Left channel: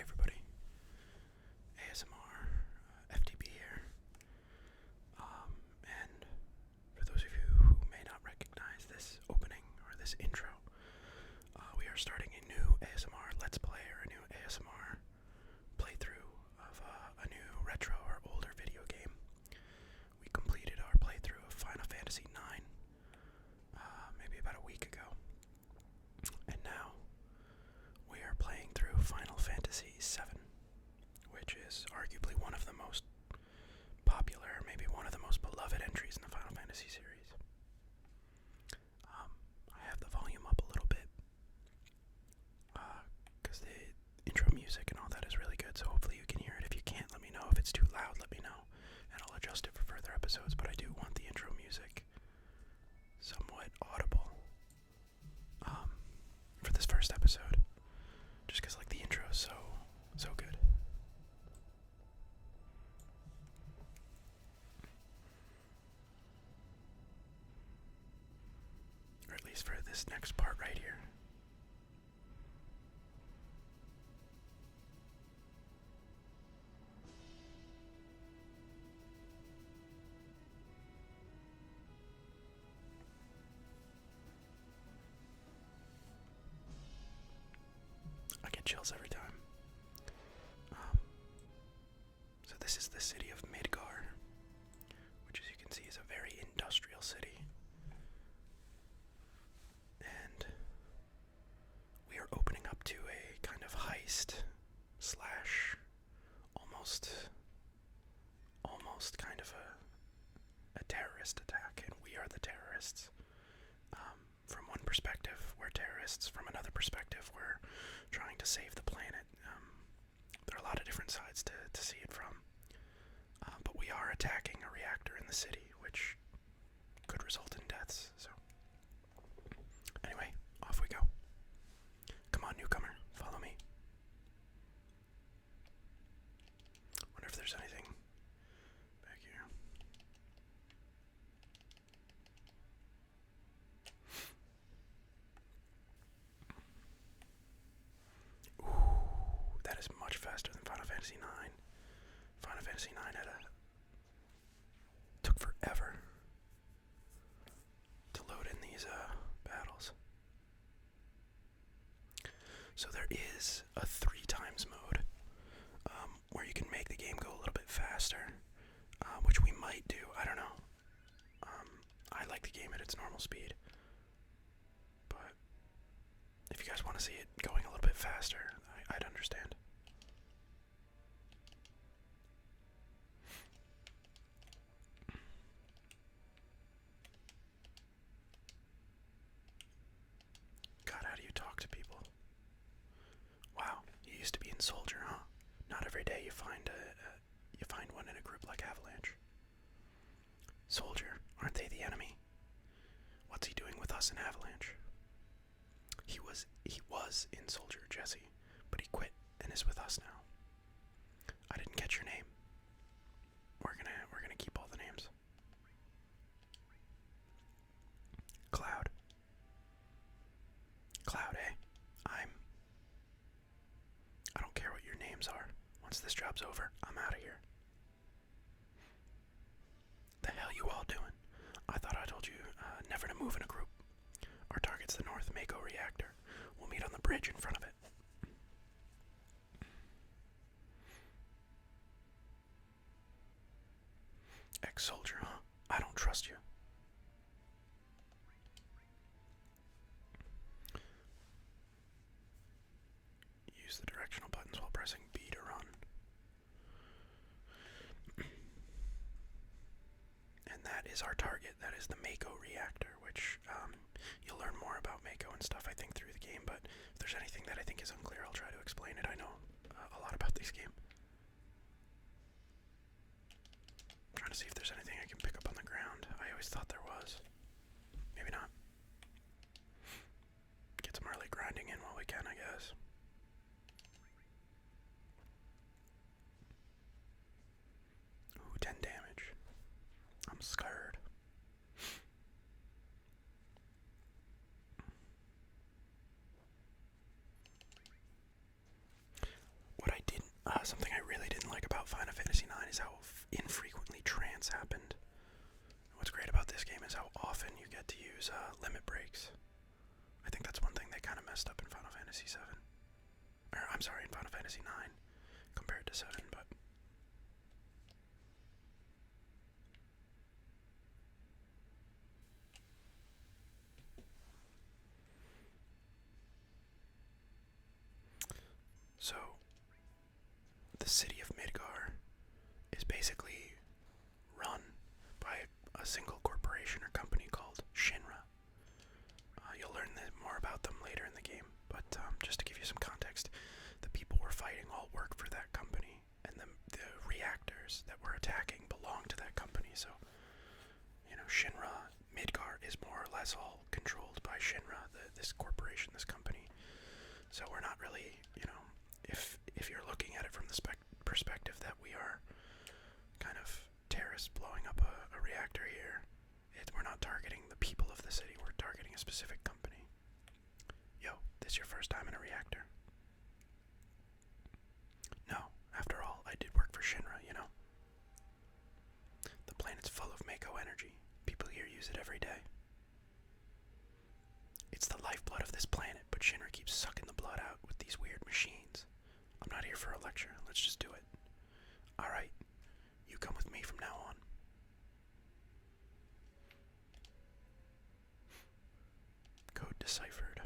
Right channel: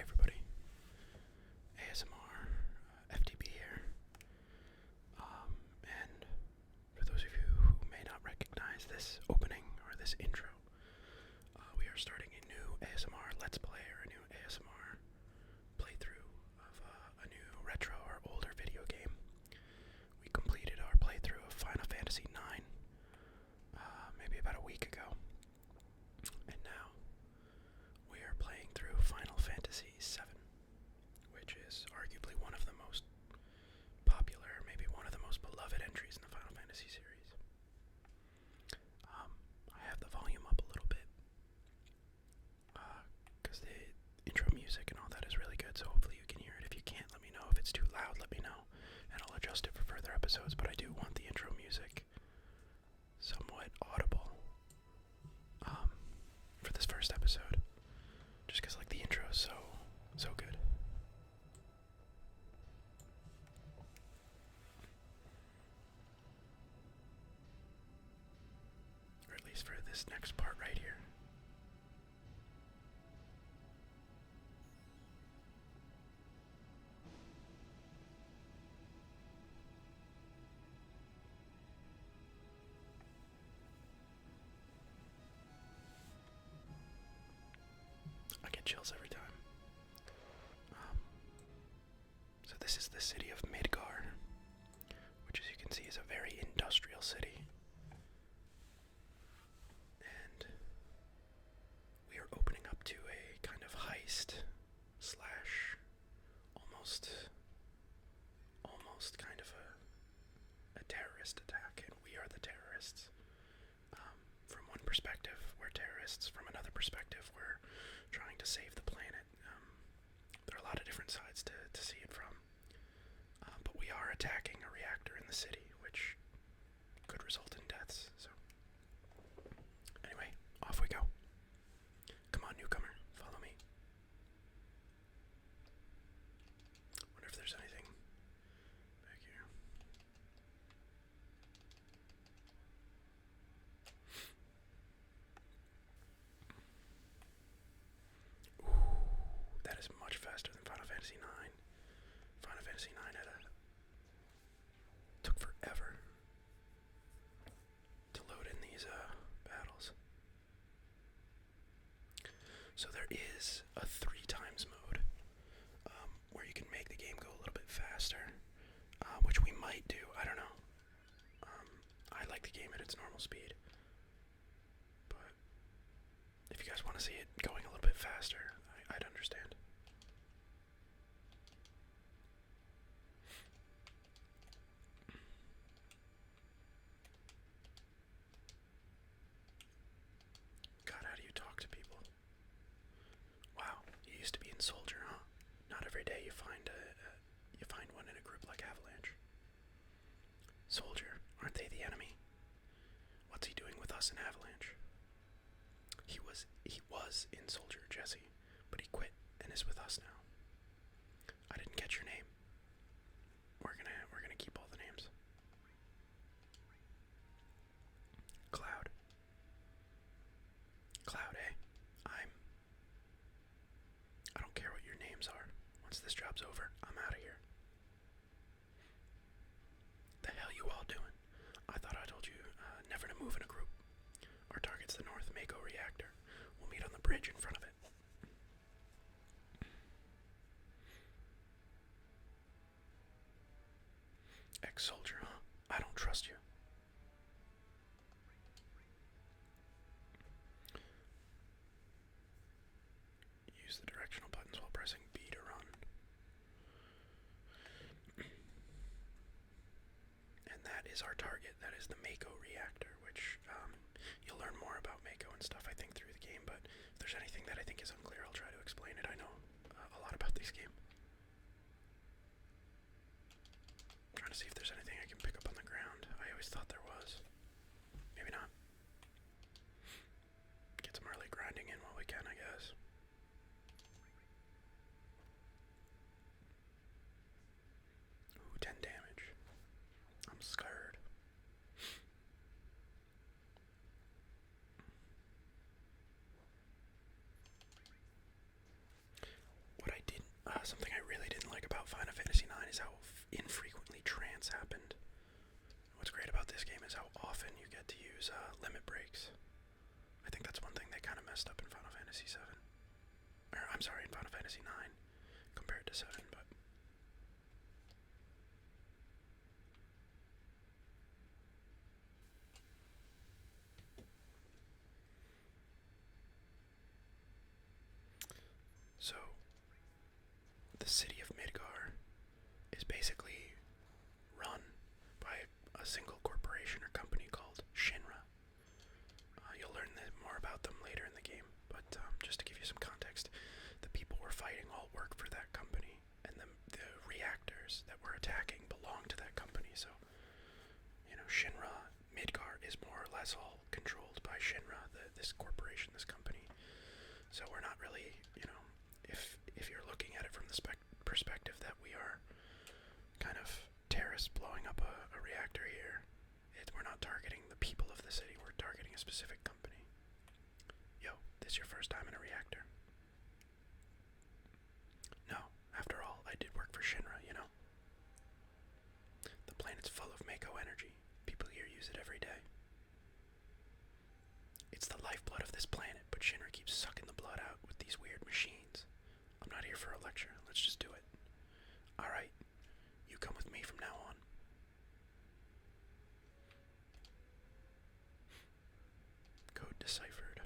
Hey everybody, ASMR, FTB here, and for those of you who may not recognize this opening or this intro, we are starting a new ASMR Let's Play or a new ASMR playthrough of a new retro or older video game. We completed our playthrough of Final Fantasy IX maybe about a week ago, and now we are playing through Final Fantasy VII, which is arguably one of the most popular, maybe one of the most beloved entries in the Final Fantasy series. I have the volume up a little bit, because the intro music and all that is really good, so hopefully you can hear it. If you can't, let me know. If it's too loud, let me know, and I'll adjust it for further episodes, but I do want the intro music somewhat audible, for this first episode. Just because, like, the intro is so good. Or at least for this next part right here. I get chills every time. So this is the city of Midgar, which, as you can see, is a very industrial city. And we are opening up to a kind of heist slash almost kind of a terrorist attack, and we are the terrorists. From one perspective, we're terrorists. From another perspective, we're trying to save the planet. There are a lot of different sides to see it from. But we are attacking a reactor in the city, which could result in deaths. So, anyway, off we go. Come on, newcomer, follow me. Wonder if there's anything back here. Ooh, that is much faster than Final Fantasy IX. Final Fantasy IX took forever to load in these battles. So there is a 3x mode, where you can make the game go a little bit faster, which we might do. I don't know. I like the game at its normal speed, but if you guys want to see it going a little bit faster, I'd understand. God, how do you talk to people? Wow, you used to be in Soldier, huh? Not every day you find one in a group like Avalanche. Soldier, aren't they the enemy? What's he doing with us in Avalanche? He was in Soldier, Jesse, but he quit and is with us now. I didn't catch your name. We're gonna keep all the names. Cloud. Cloud, eh? I don't care what your names are. Once this job's over, I'm out of here. The hell you all doing? I thought I told you never to move in a group. Our target's the North Mako Reactor. We'll meet on the bridge in front of it. Ex-soldier, huh? I don't trust you. Use the directional buttons while pressing B to run. And that is our target. That is the Mako Reactor, which you'll learn more about Mako and stuff, I think, through the game, but if there's anything that I think is unclear, I'll try to explain it. I know a lot about this game. I'm trying to see if there's anything I can pick up on the ground. I always thought there was. Maybe not. Get some early grinding in while we can, I guess. Ooh, 10 damage. I'm scared. about Final Fantasy IX is how infrequently trance happened. What's great about this game is how often you get to use limit breaks. I think that's one thing they kind of messed up in Final Fantasy VII. Or, I'm sorry, in Final Fantasy IX compared to 7, but... So, the city of Midgar is basically run by a single corporation or company called Shinra. You'll learn more about them later in the game, but just to give you some context, the people we're fighting all work for that company, and the reactors that we're attacking belong to that company, so, you know, Shinra, Midgar is more or less all controlled by Shinra, this corporation, this company. So we're not really, you know, if you're looking at it from the perspective that we are kind of terrorists blowing up a reactor here, we're not targeting the people of the city, we're targeting a specific company. Yo, this your first time in a reactor? No, after all, I did work for Shinra, you know. The planet's full of Mako energy. People here use it every day. It's the lifeblood of this planet, but Shinra keeps sucking the blood out with these weird machines. I'm not here for a lecture, let's just do it. Alright, you come with me from now on. Code deciphered.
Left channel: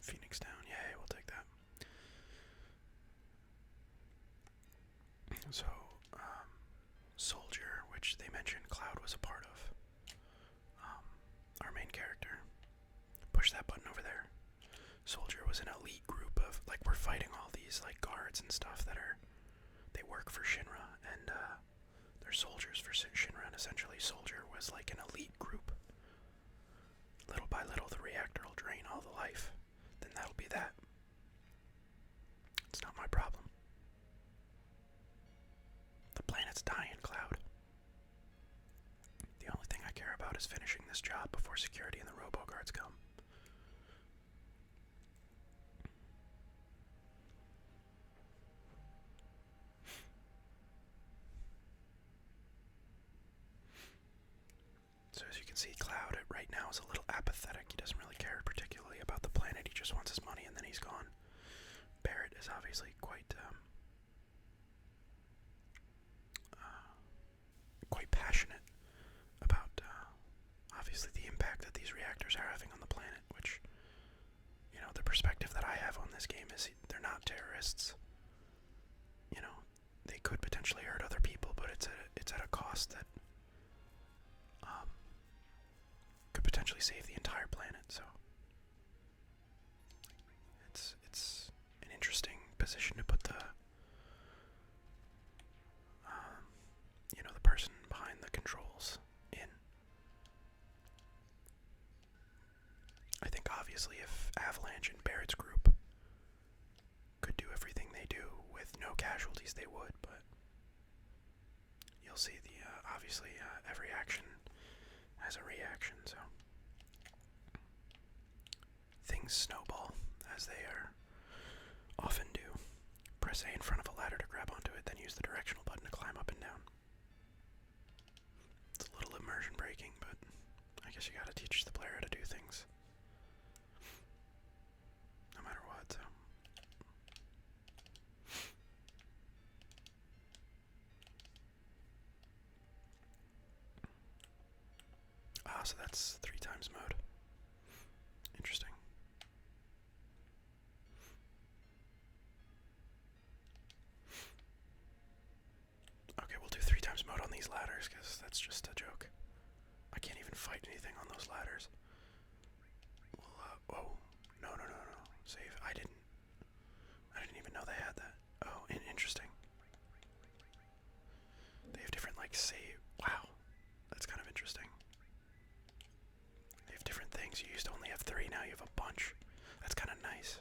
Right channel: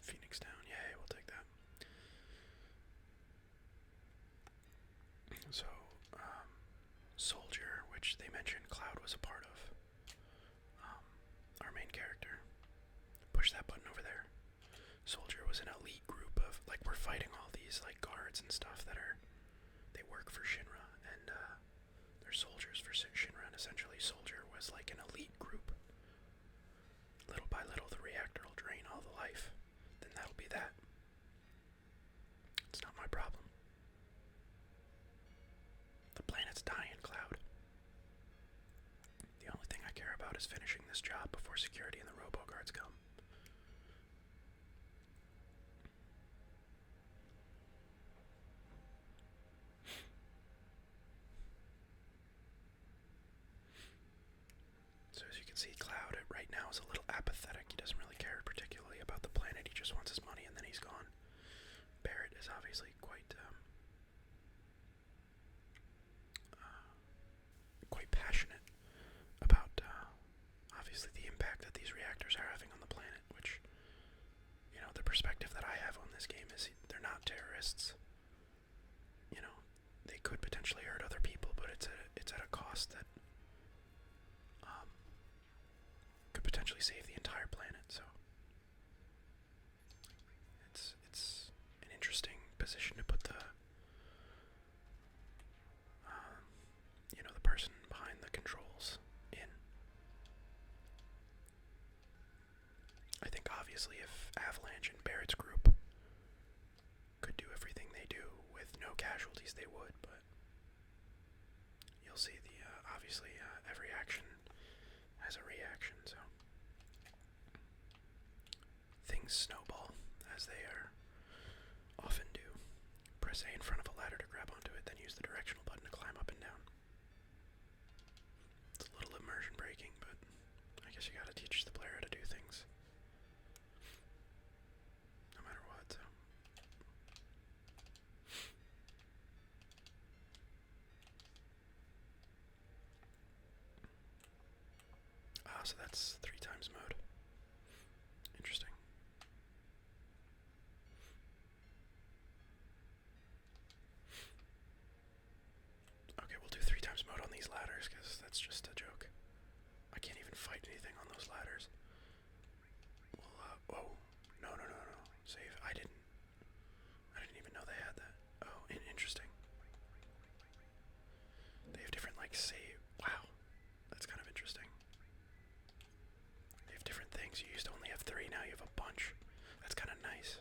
Phoenix down, yay, we'll take that. So, Soldier, which they mentioned Cloud was a part of, our main character. Push that button over there. Soldier was an elite group of, like, we're fighting all these, like, guards and stuff that they work for Shinra, and, they're soldiers for Shinra, and essentially Soldier was like an elite group. Little by little, the reactor will drain all the life. Then that'll be that. It's not my problem. The planet's dying, Cloud. The only thing I care about is finishing this job before security and the robo-guards come. So as you can see, Cloud right now is a little apathetic. He doesn't really care particularly about the planet. He just wants his money and then he's gone. Barrett is obviously quite passionate about obviously the impact that these reactors are having on the planet, which, you know, the perspective that I have on this game is they're not terrorists. You know, they could potentially hurt other people, but it's at a cost that could potentially save the entire planet. So it's an interesting position to put the you know, the person behind the controls in. I think obviously if Avalanche and Barrett's group could do everything they do with no casualties, they would, but you'll see the obviously every action has a reaction, so things snowball as they often do. Press A in front of a ladder to grab onto it, then use the directional button to climb up and down. It's a little immersion breaking, but I guess you gotta teach the player how to do things. No matter what, so. So that's 3 times mode. Interesting. Okay, we'll do 3 times mode on these ladders, because that's just a joke. I can't even fight anything on those ladders. Well, whoa. No. Save. I didn't even know they had that. Oh, interesting. They have different, like, save. Wow. That's kind of interesting. They have different things. You used to only have 3, now you have a bunch. That's kind of nice.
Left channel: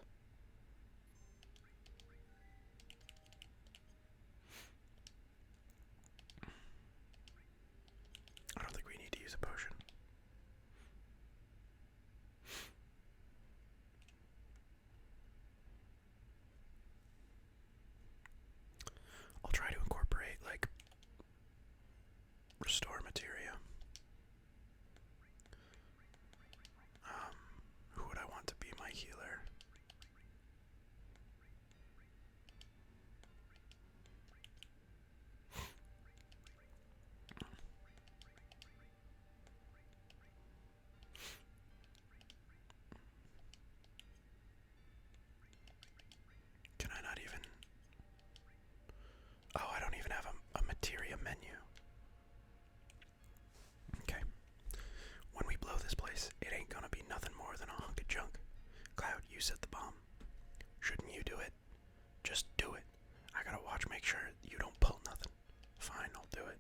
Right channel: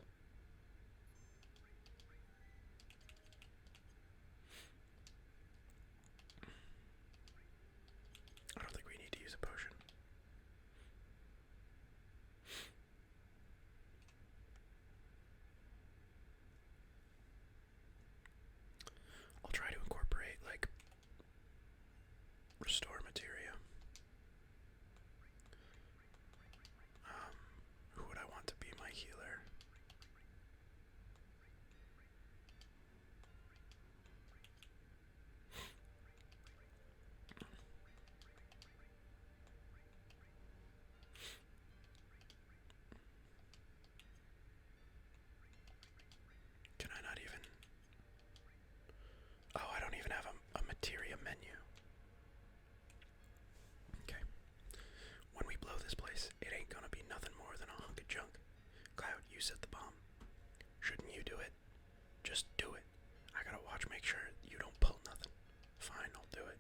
watch, make sure you don't pull nothing. Fine, I'll do it.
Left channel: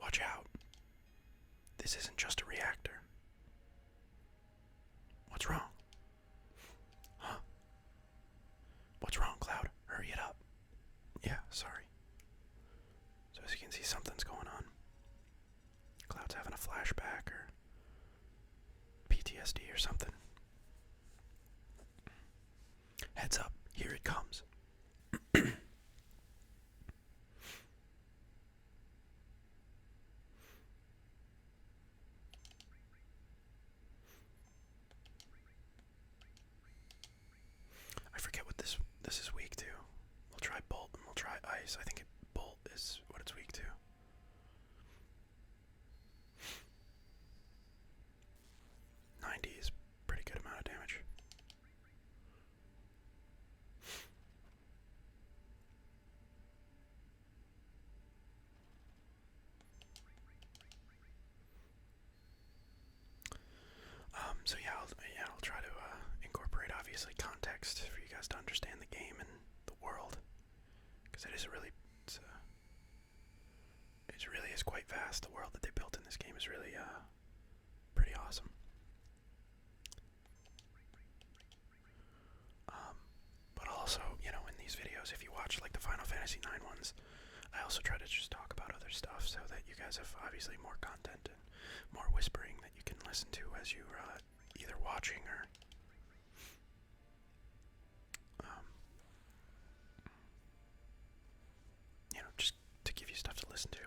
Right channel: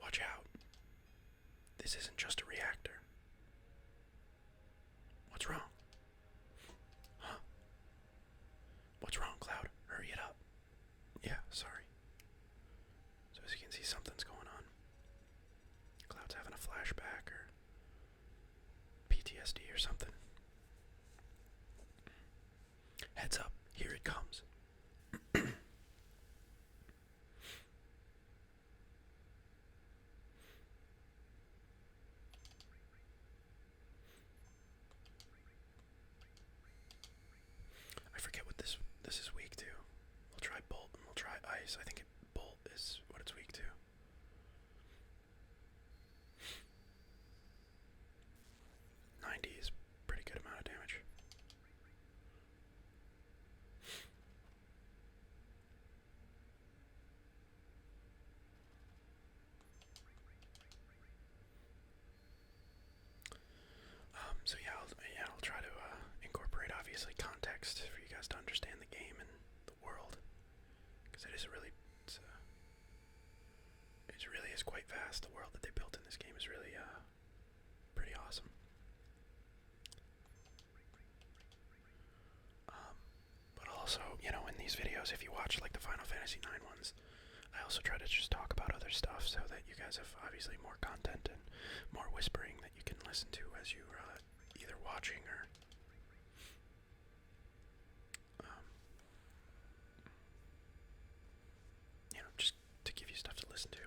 Watch out. This isn't just a reactor. What's wrong? Huh? What's wrong, Cloud? Hurry it up. Yeah, sorry. So as you can see, something's going on. Cloud's having a flashback or PTSD or something. Heads up, here it comes. I forget what this is weak to. We'll try bolt and we'll try ice. I think bolt is what it's weak to. 90 is pretty good amount of damage. So yeah, I'll try to incorporate obviously context for you guys to understand the game and the world, because it really is quite vast. The world that they built in this game is really pretty awesome. But also, you know, in these videos, if you watch like the Final Fantasy IX ones, I also try to just talk about other stuff so that you guys have obviously more content and more whispering that you can listen to as you're either watching or you know, just to give you stuff to listen to,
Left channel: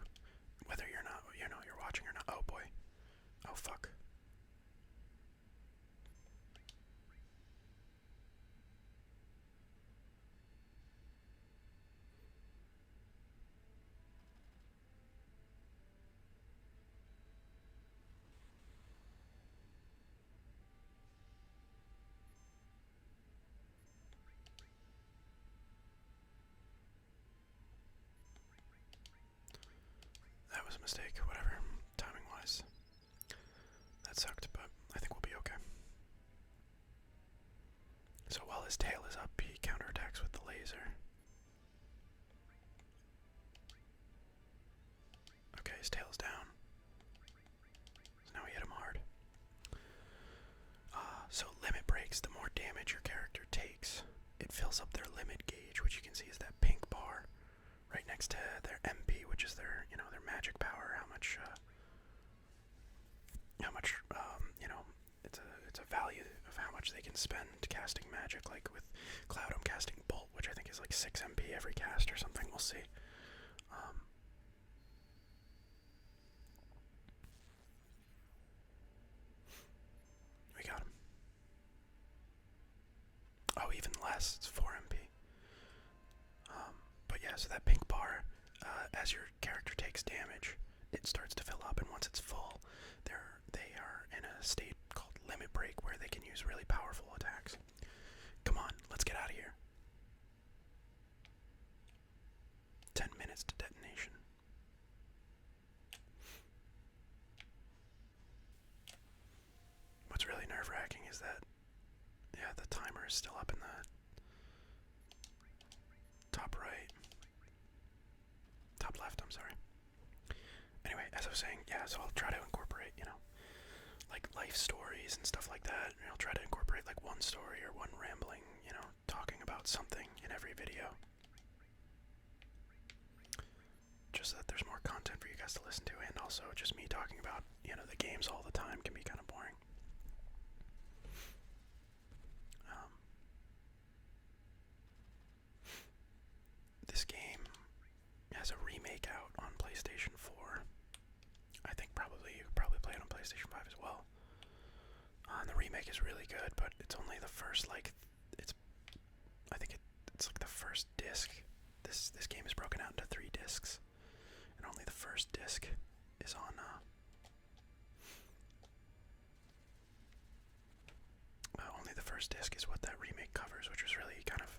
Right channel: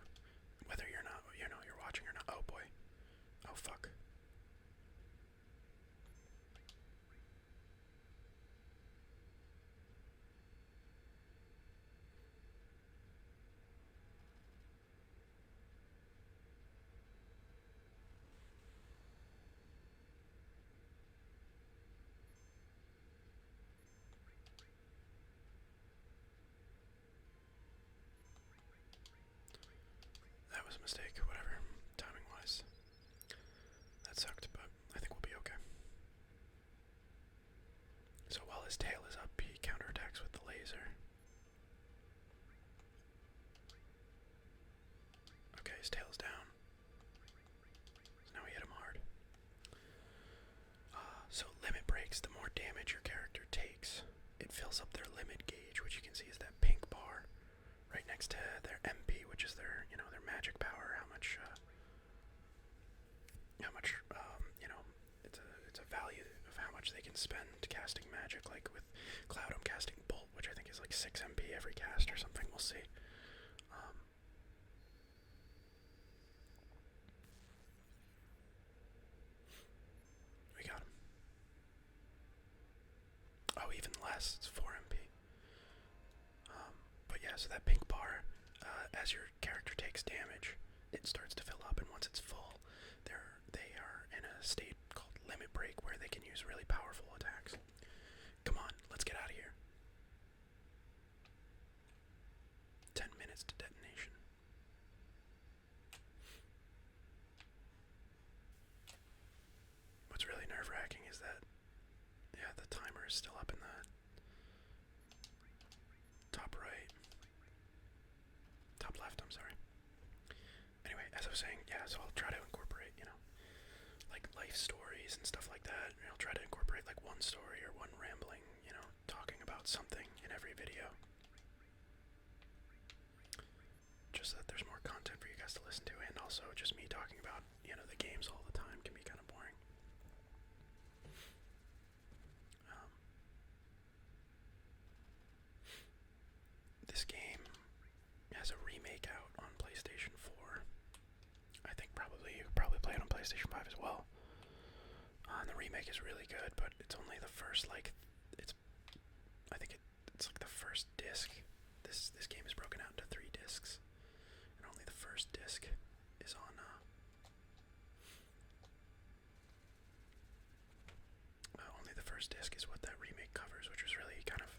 whether you're not, you know, you're watching or not. Oh boy. Oh fuck. That was a mistake, whatever, timing-wise. That sucked, but I think we'll be okay. So while his tail is up, he counterattacks with the laser. Okay, his tail's down. So now we hit him hard. So limit breaks, the more damage your character takes, it fills up their limit gauge, which you can see is that pink bar right next to their MP, which is their, you know, their magic power, how much, you know, it's a value of how much they can spend casting magic. Like with Cloud, I'm casting Bolt, which I think is like 6 MP every cast or something, we'll see. We got him. Oh, even less, it's 4 MP. But yeah, so that pink bar, as your character takes damage, it starts to fill up, and once it's full, they are in a state called limit break where they can use really powerful attacks. Come on, let's get out of here. 10 minutes to detonation. What's really nerve-wracking is that, yeah, the timer is still up in the top right. Top left, I'm sorry. Anyway, as I was saying, yeah, so I'll try to incorporate, you know, like life stories and stuff like that. And I'll try to incorporate like one story or one rambling, you know, talking about something in every video. Just so that there's more content for you guys to listen to, and also just me talking about, you know, the games all the time can be kind of boring. This game has a remake out on PlayStation 4. I think you could probably play it on PlayStation 5 as well. And the remake is really good, but it's only the first, like, I think it's like the first disc. This game is broken out into 3 discs, and only the first disc is on, only the first disc is what that remake covers, which was really kind of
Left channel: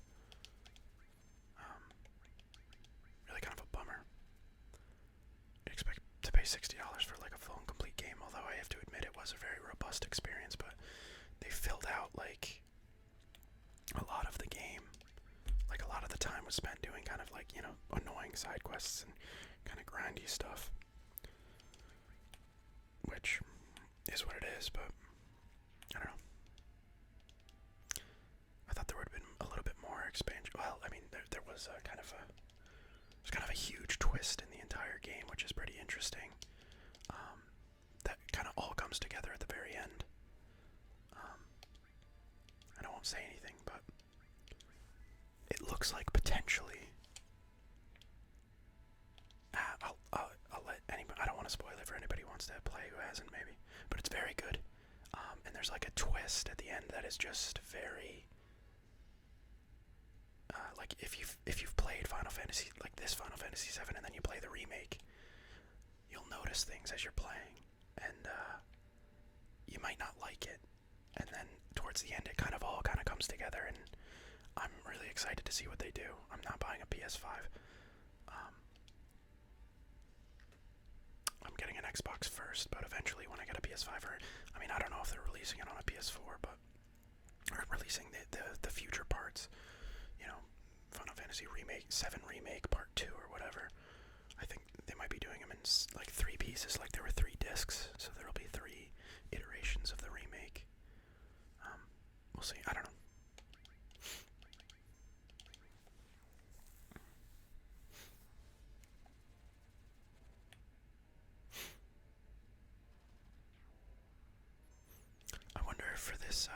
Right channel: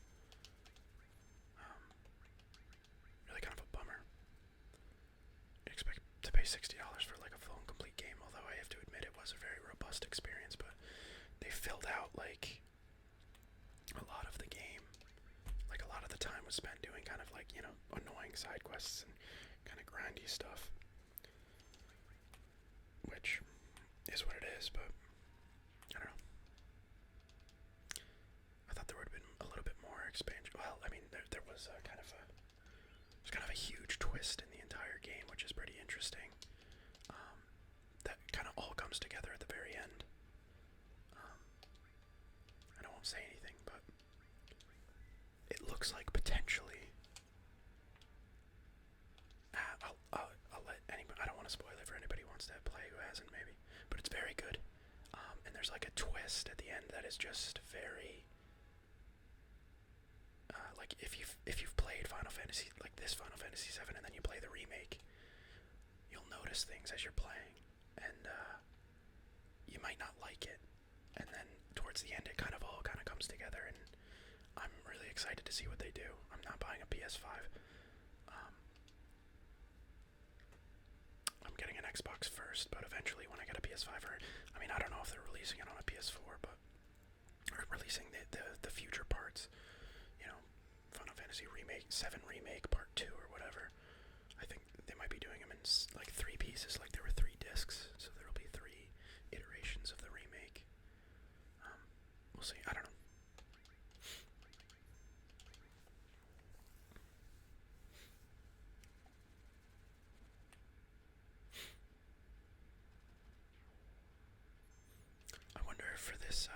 a bummer. You'd expect to pay $60 for like a full and complete game, although I have to admit it was a very robust experience, but they filled out like a lot of the game. Like a lot of the time was spent doing kind of like, annoying side quests and kind of grindy stuff. Which is what it is, but I don't know. I thought there would have been a little bit more expansion. Well, I mean, there was kind of a huge twist in the entire game, which is pretty interesting. That kind of all comes together at the very end. And I won't say anything, but it looks like potentially. I'll let anybody. I don't want to spoil it for anybody who wants to play who hasn't, maybe. But it's very good. And there's like a twist at the end that is just very. Like if you've played Final Fantasy, like this Final Fantasy VII, and then you play the remake, you'll notice things as you're playing, and you might not like it. And then towards the end, it all comes together, and I'm really excited to see what they do. I'm not buying a PS5. I'm getting an Xbox first, but eventually when I get a PS5, I don't know if they're releasing it on a PS4, but or releasing the future parts. Final Fantasy Remake 7 Remake Part 2 or whatever. I think they might be doing them in like 3 pieces, like there were 3 discs, so there'll be 3 iterations of the remake. We'll see. I don't know. I wonder if for this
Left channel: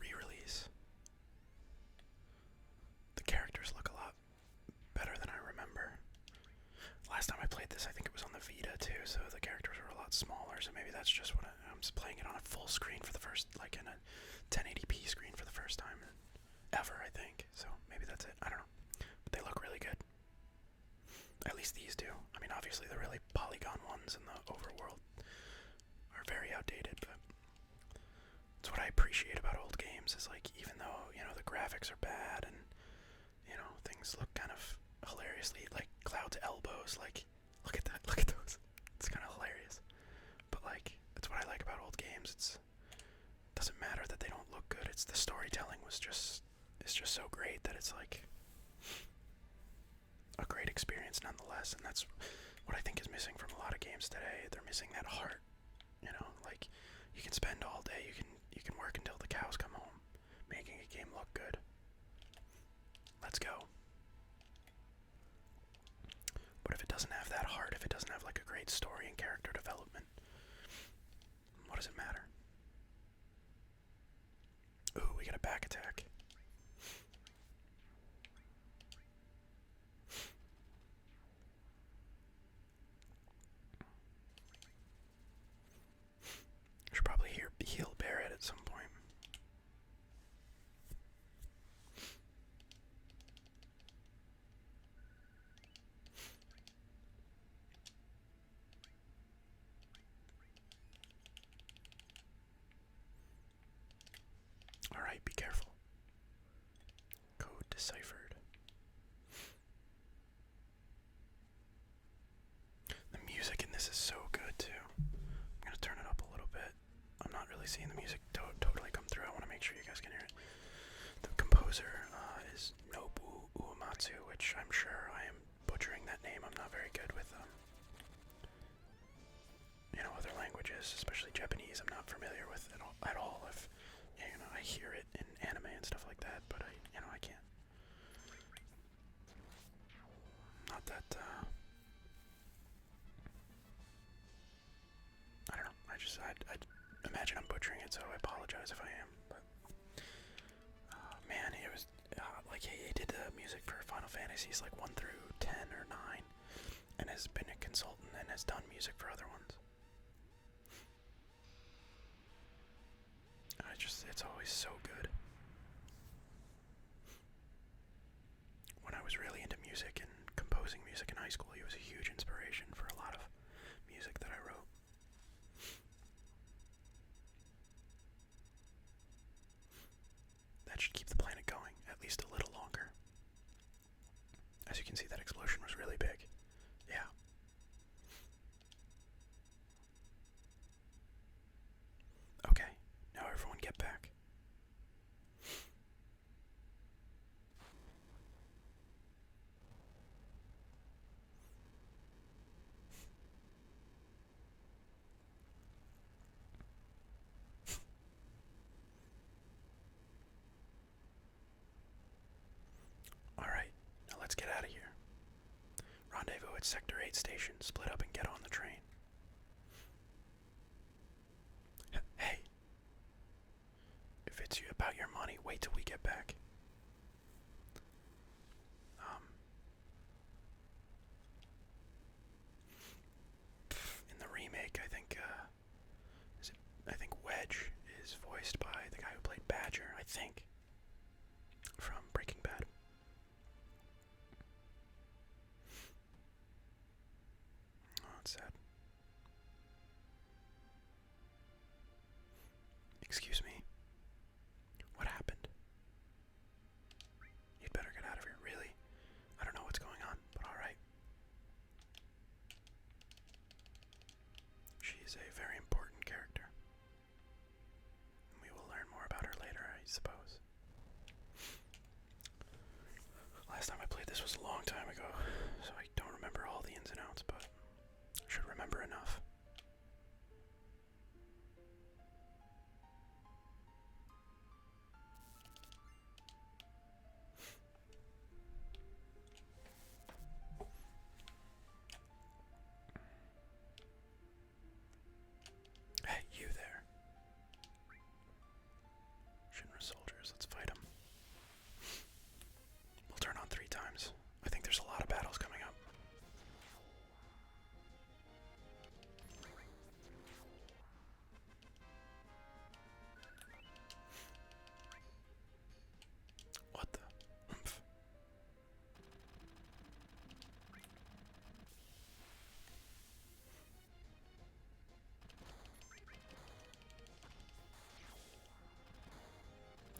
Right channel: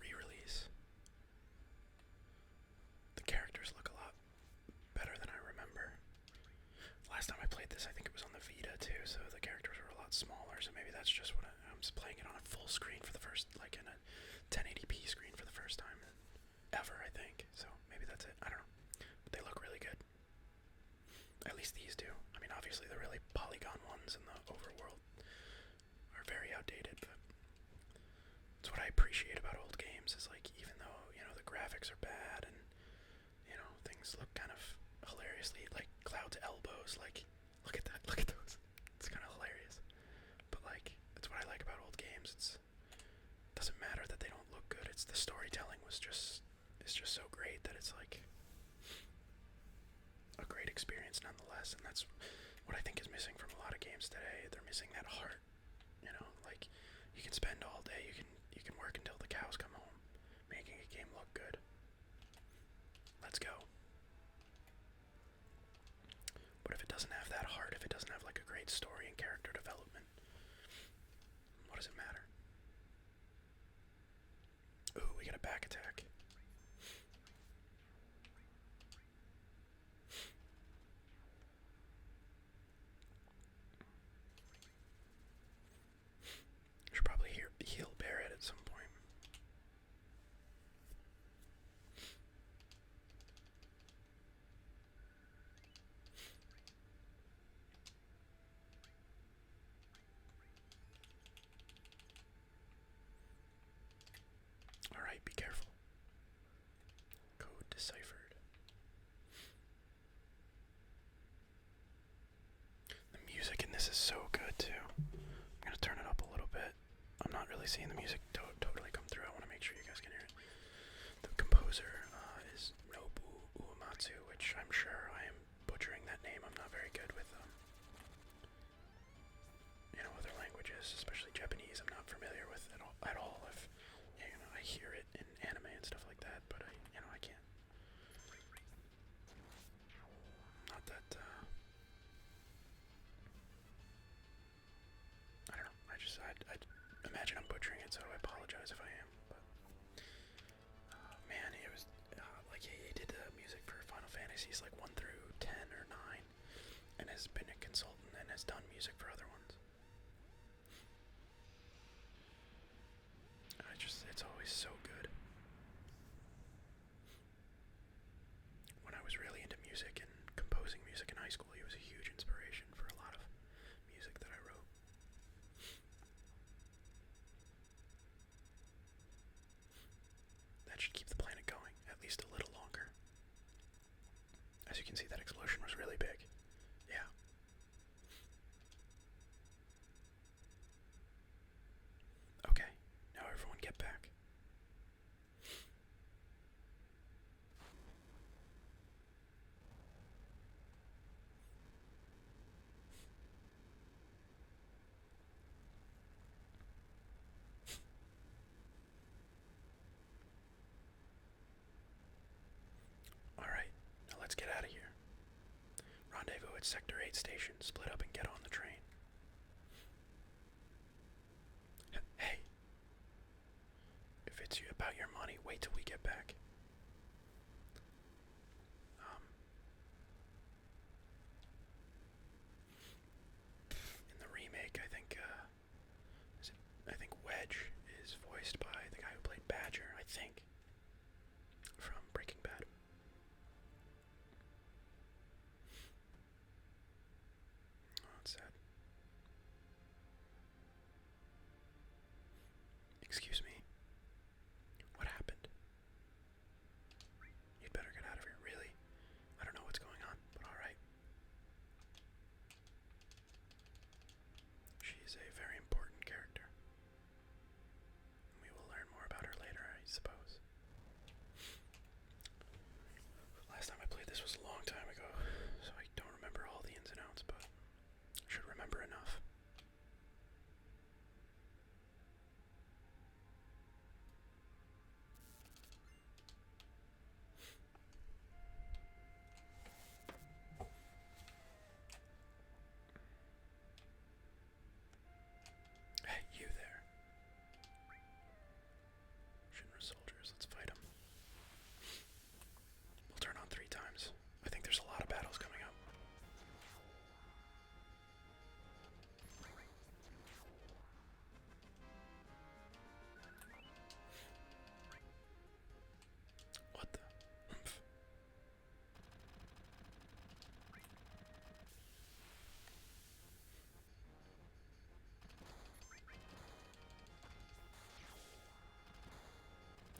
re-release, the characters look a lot better than I remember. Last time I played this, I think it was on the Vita too, so the characters were a lot smaller, so maybe that's just what I'm just playing it on a full screen for the first, like in a 1080p screen for the first time ever, I think. So maybe that's it. I don't know. But they look really good. At least these do. I mean, obviously the really polygon ones in the overworld are very outdated, but it's what I appreciate about old games is like, even though, the graphics are bad and, things look kind of hilariously, like Cloud's elbows, like, look at that, look at those. It's kind of hilarious. But like, that's what I like about old games. It doesn't matter that they don't look good. It's the storytelling is just so great that it's like a great experience nonetheless. And that's what I think is missing from a lot of games today. They're missing that heart. Like you can spend all day, you can work until the cows come home, making a game look good. Let's go. But if it doesn't have that heart, if it doesn't have like a great story and character development, what does it matter? Ooh, we got a back attack. Should probably heal Barrett at some point. Alright, be careful. Code deciphered. The music in this is so good too. I'm gonna turn it up a little bit. I'm not really seeing the music totally come through. I want to make sure you guys can hear it. The composer is Nobu Uematsu, which I'm sure I am butchering that name. I'm not very good with other languages, especially Japanese. I'm not familiar with it at all. If I hear it in anime and stuff like that, but I can't. Not that. I don't know. I imagine I'm butchering it, so I apologize if I am. But man, it was like he did the music for Final Fantasies like 1 through 10 or 9, and has been a consultant and has done music for other ones. It's always so good. When I was really into music and composing music in high school, he was a huge inspiration for a lot of music that I wrote. That should keep the planet going at least a little longer. As you can see, that explosion was really big. Yeah. Okay, now everyone get back. at Sector 8 station. Split up and get on the train. Hey! If it's about your money, wait till we get back. In the remake, I think Wedge is voiced by the guy who played Badger, I think, from Breaking Bad. Oh, it's sad. Excuse me. What happened? You'd better get out of here, really? I don't know what's going on, but alright. She is a very important character. We will learn more about her later, I suppose. Last time I played this was a long time ago, so I don't remember all the ins and outs, but I should remember enough. Hey, you there. Shinra soldiers, let's fight them. We'll turn on 3 times. I think there's a lot of battles coming up. What the? Oomph.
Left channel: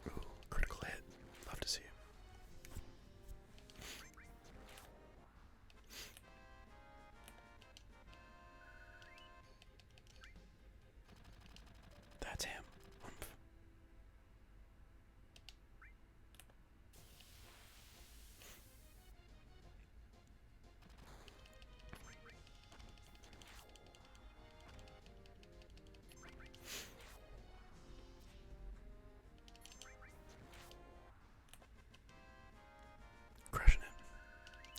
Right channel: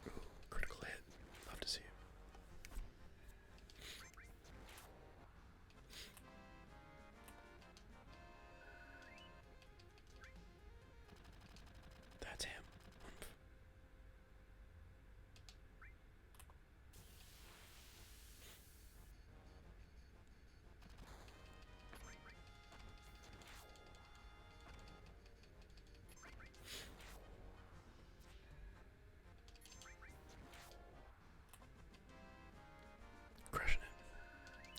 Ooh, critical hit. Love to see it. That's him. Oomph. Crushing it.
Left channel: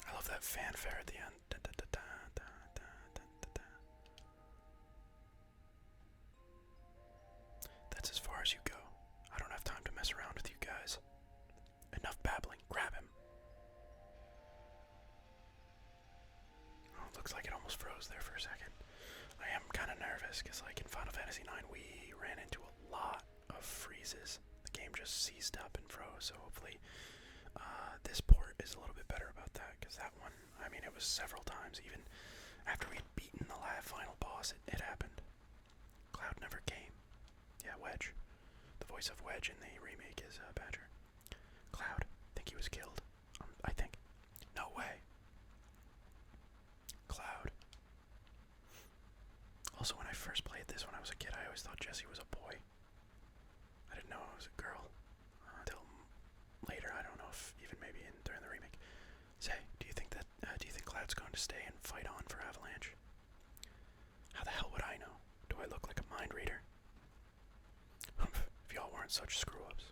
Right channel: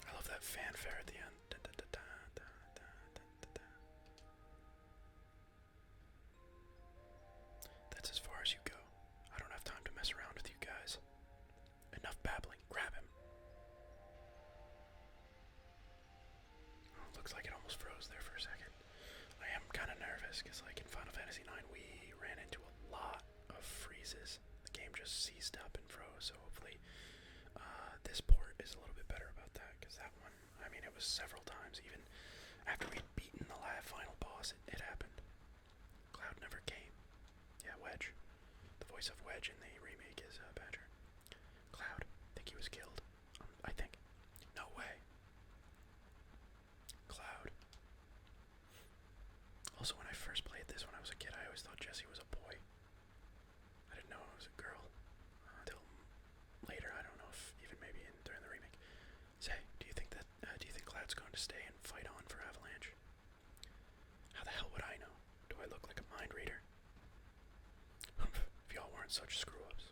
I love that fanfare at the end. Da, da, da, da, da, da, da, da, da. That's as far as you go. I don't have time to mess around with you guys. Enough babbling. Grab him. Oh, looks like it almost froze there for a second. I am kind of nervous because, like, in Final Fantasy IX, we ran into a lot of freezes. The game just seized up and froze, so hopefully this port is a little bit better about that, because that one, I mean, it was several times. Even after we'd beaten the final boss, it happened. Cloud never came. Yeah, Wedge. The voice of Wedge in the remake is Badger. Cloud. Think he was killed. I think. No way. Cloud. Also, when I first played this when I was a kid, I always thought Jessie was a boy. I didn't know it was a girl. Until later, I don't know if even maybe during the remake. Say, do you think Cloud's going to stay and fight on for Avalanche? How the hell would I know? Do I look like a mind reader? If y'all weren't such screw-ups.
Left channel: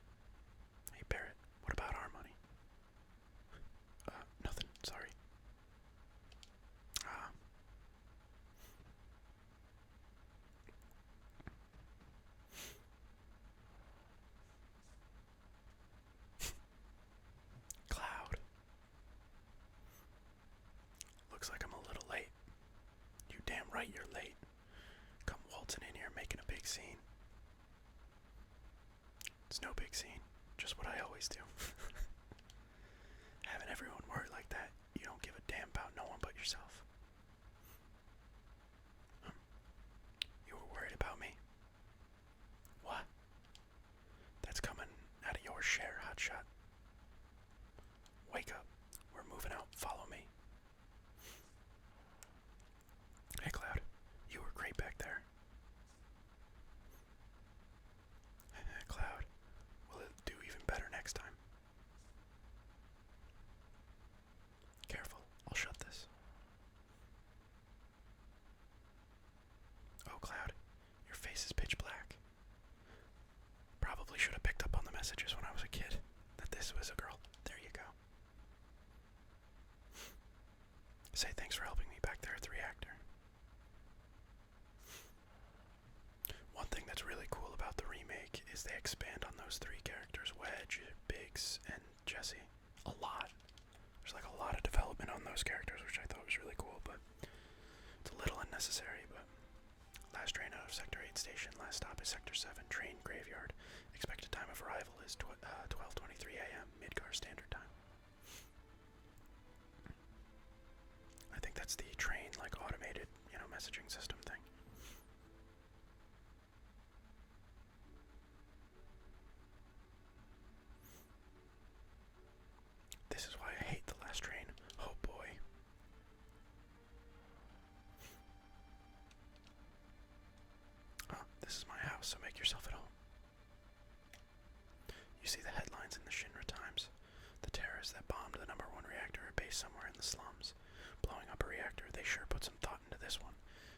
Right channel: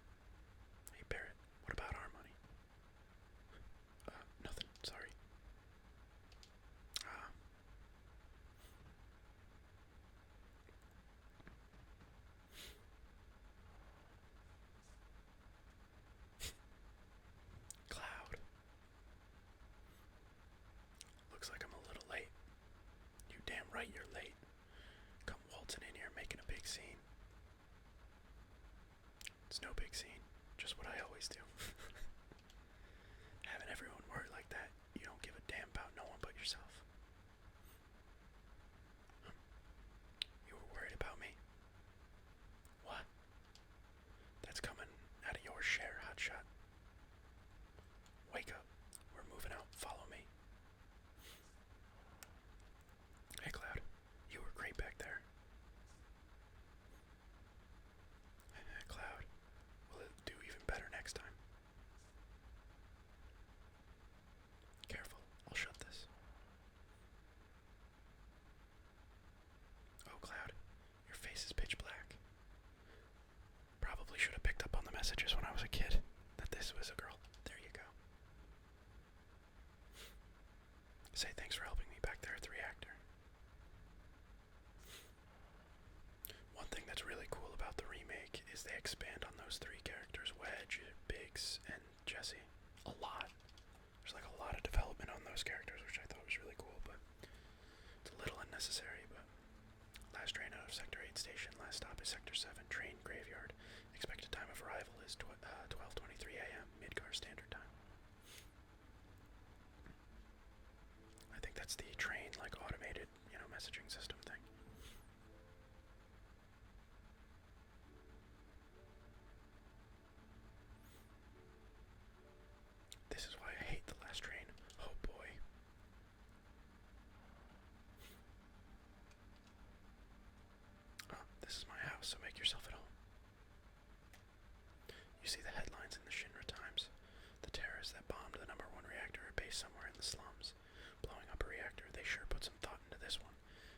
Hey Barrett, what about our money? Nothing, sorry. Cloud. Looks like I'm a little late. You damn right you're late. Come waltzing in here making a big scene. It's no big scene, just what I always do. Having everyone worry like that, you don't give a damn about no one but yourself. You were worried about me? What? That's coming out of your share, hotshot. Wake up. We're moving out. Follow me. Hey, Cloud. You were great back there. Cloud. Will it do even better next Say thanks for helping me back there at the reactor. One thing that's really cool about the remake is they expand on those three characters, Wedge, Biggs, and Jesse, a lot. There's like a lot of development on those characters, which I thought was really cool, but it's a little unnecessary. But last train out of Sector 8 station, last stop is Sector 7, train graveyard. Expected time of arrival is 12:23 a.m. Midgar Standard Time. I think that's the train, like, automated, messaging system thing. This is why I hate the last train. Oh boy. This is my house, so make yourself at home. You see the headlines in the Shinra Times. The terrorists that bombed the #1 reactor are based somewhere in the slums. Blowing up a reactor, they sure put some thought into this one.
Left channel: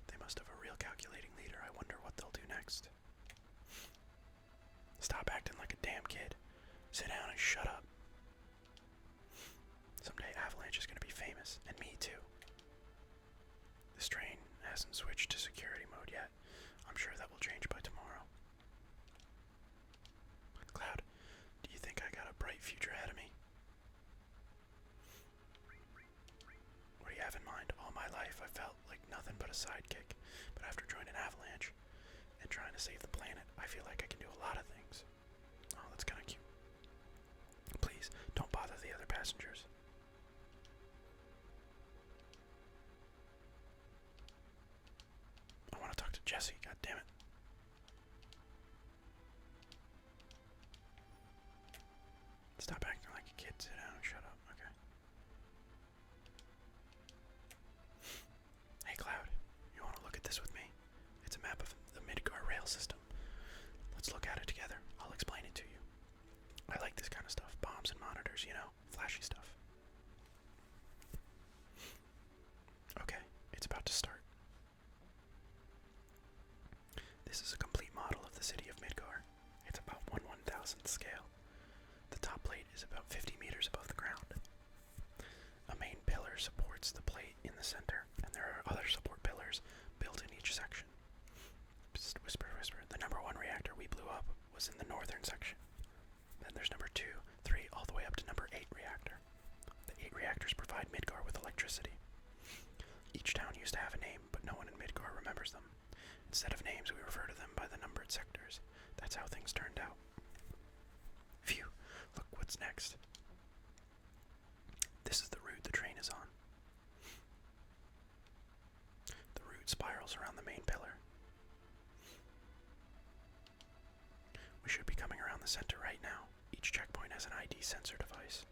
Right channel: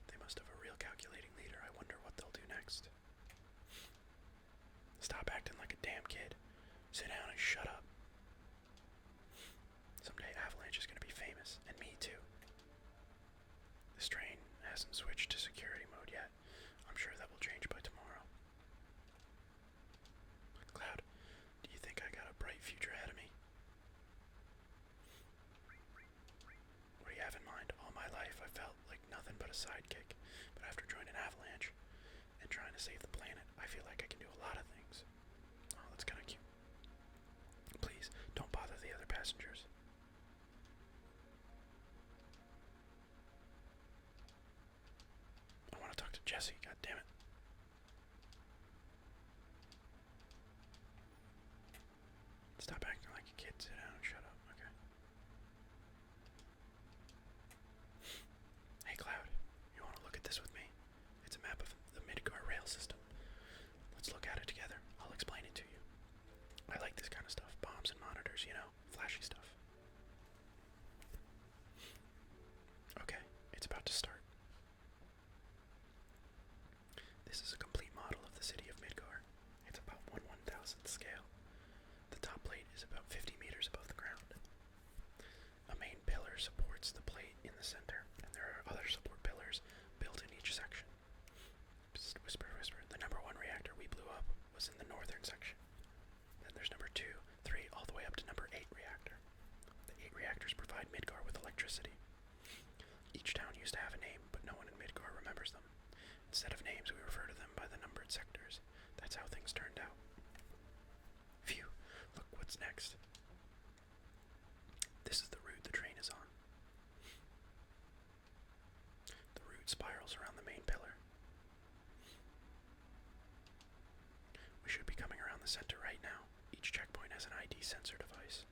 They must have a real calculating leader. I wonder what they'll do next. Stop acting like a damn kid. Sit down and shut up. Someday Avalanche is going to be famous, and me too. This train hasn't switched to security mode yet. I'm sure that will change by tomorrow. Cloud, do you think I got a bright future ahead of me? What do you have in mind? All my life I felt like nothing but a sidekick, but after joining Avalanche and trying to save the planet, I feel like I can do a lot of things. Oh, that's kind of cute. Please, don't bother the other passengers. I want to talk to Jesse, god damn it. Stop acting like a kid, sit down and shut up, okay. Hey Cloud, you want to look at this with me? It's a map of the Midgar rail system. Let's look at it together. I'll explain it to you. I like this kind of stuff, bombs and monitors, flashy stuff. Okay, it's about to start. This is a complete model of the city of Midgar. It's about 1/1000th scale. The top plate is about 50 meters above the ground. A main pillar supports the plate in the center, and there are other support pillars built in each section. Psst, whisper, whisper. The #1 reactor we blew up was in the northern section. Then there's #2, 3, all the way up to #8 reactor. The 8 reactors provide Midgar with electricity. Each town used to have a name, but no one in Midgar remembers them. Instead of names, we refer to them by the numbered sectors. That's how things turned out. Phew, look what's next. This is the route the train is on. The route spirals around the main pillar. We should be coming around the center right now. Each checkpoint has an ID sensor device.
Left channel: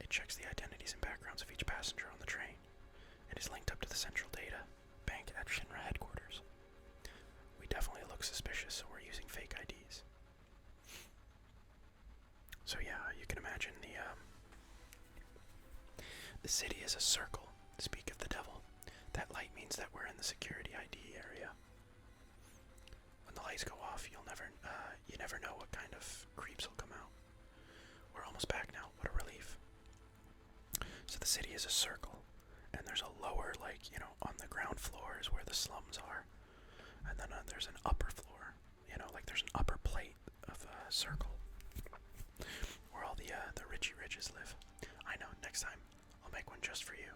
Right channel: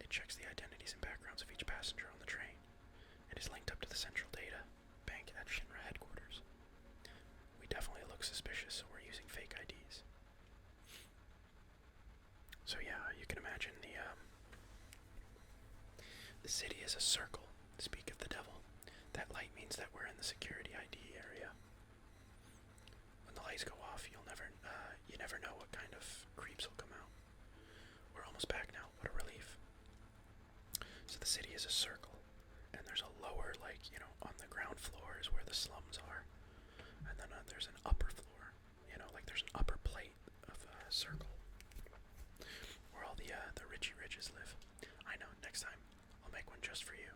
It checks the identities and backgrounds of each passenger on the train. It is linked up to the central data bank at Shinra headquarters. We definitely look suspicious, so we're using fake IDs. So yeah, you can imagine the city is a circle. Speak of the devil. That light means that we're in the security ID area. When the lights go off, you never know what kind of creeps will come out. We're almost back now. What a relief. So the city is a circle, and there's a lower, on the ground floor is where the slums are, and then there's an upper floor. There's an upper plate of a circle where all the Richie Riches live. I know. Next time, I'll make one just for you.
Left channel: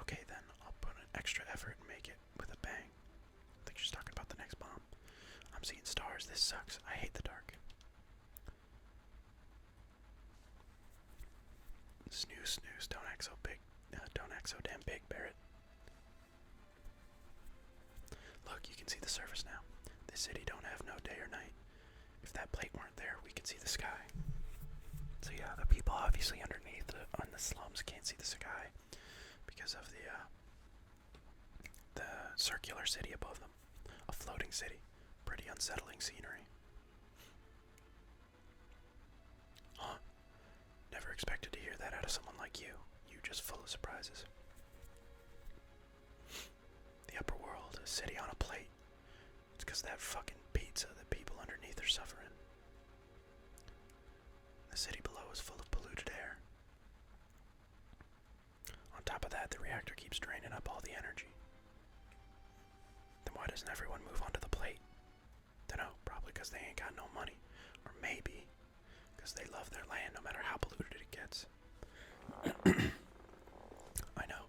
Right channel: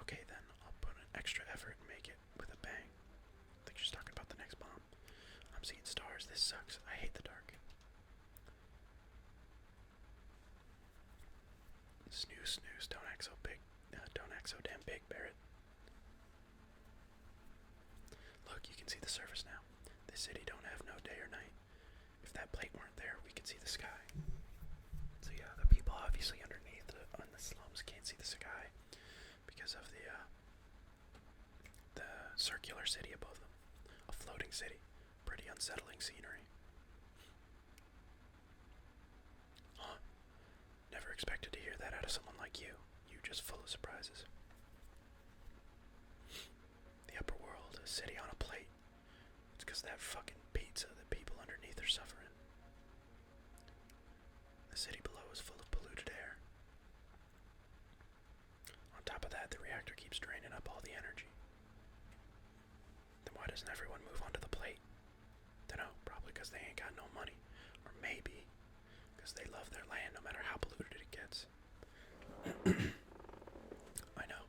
Okay, then I'll put an extra effort and make it with a bang. I think she's talking about the next bomb. I'm seeing stars. This sucks. I hate the dark. Snooze, snooze. Don't act so big. Don't act so damn big, Barrett. Look, you can see the surface now. This city don't have no day or night. If that plate weren't there, we could see the sky. So yeah, the people obviously underneath on the slums can't see the sky because of the circular city above them. A floating city. Pretty unsettling scenery. Huh. Never expected to hear that out of someone like you. You just full of surprises. The upper world, a city on a plate. It's 'cause that fucking pizza that people underneath are suffering. The city below is full of polluted air. of that, the reactor keeps draining up all the energy. Then why doesn't everyone move onto the plate? Dunno, probably because they ain't got no money. Or maybe because they love their land no matter how polluted it gets. I know,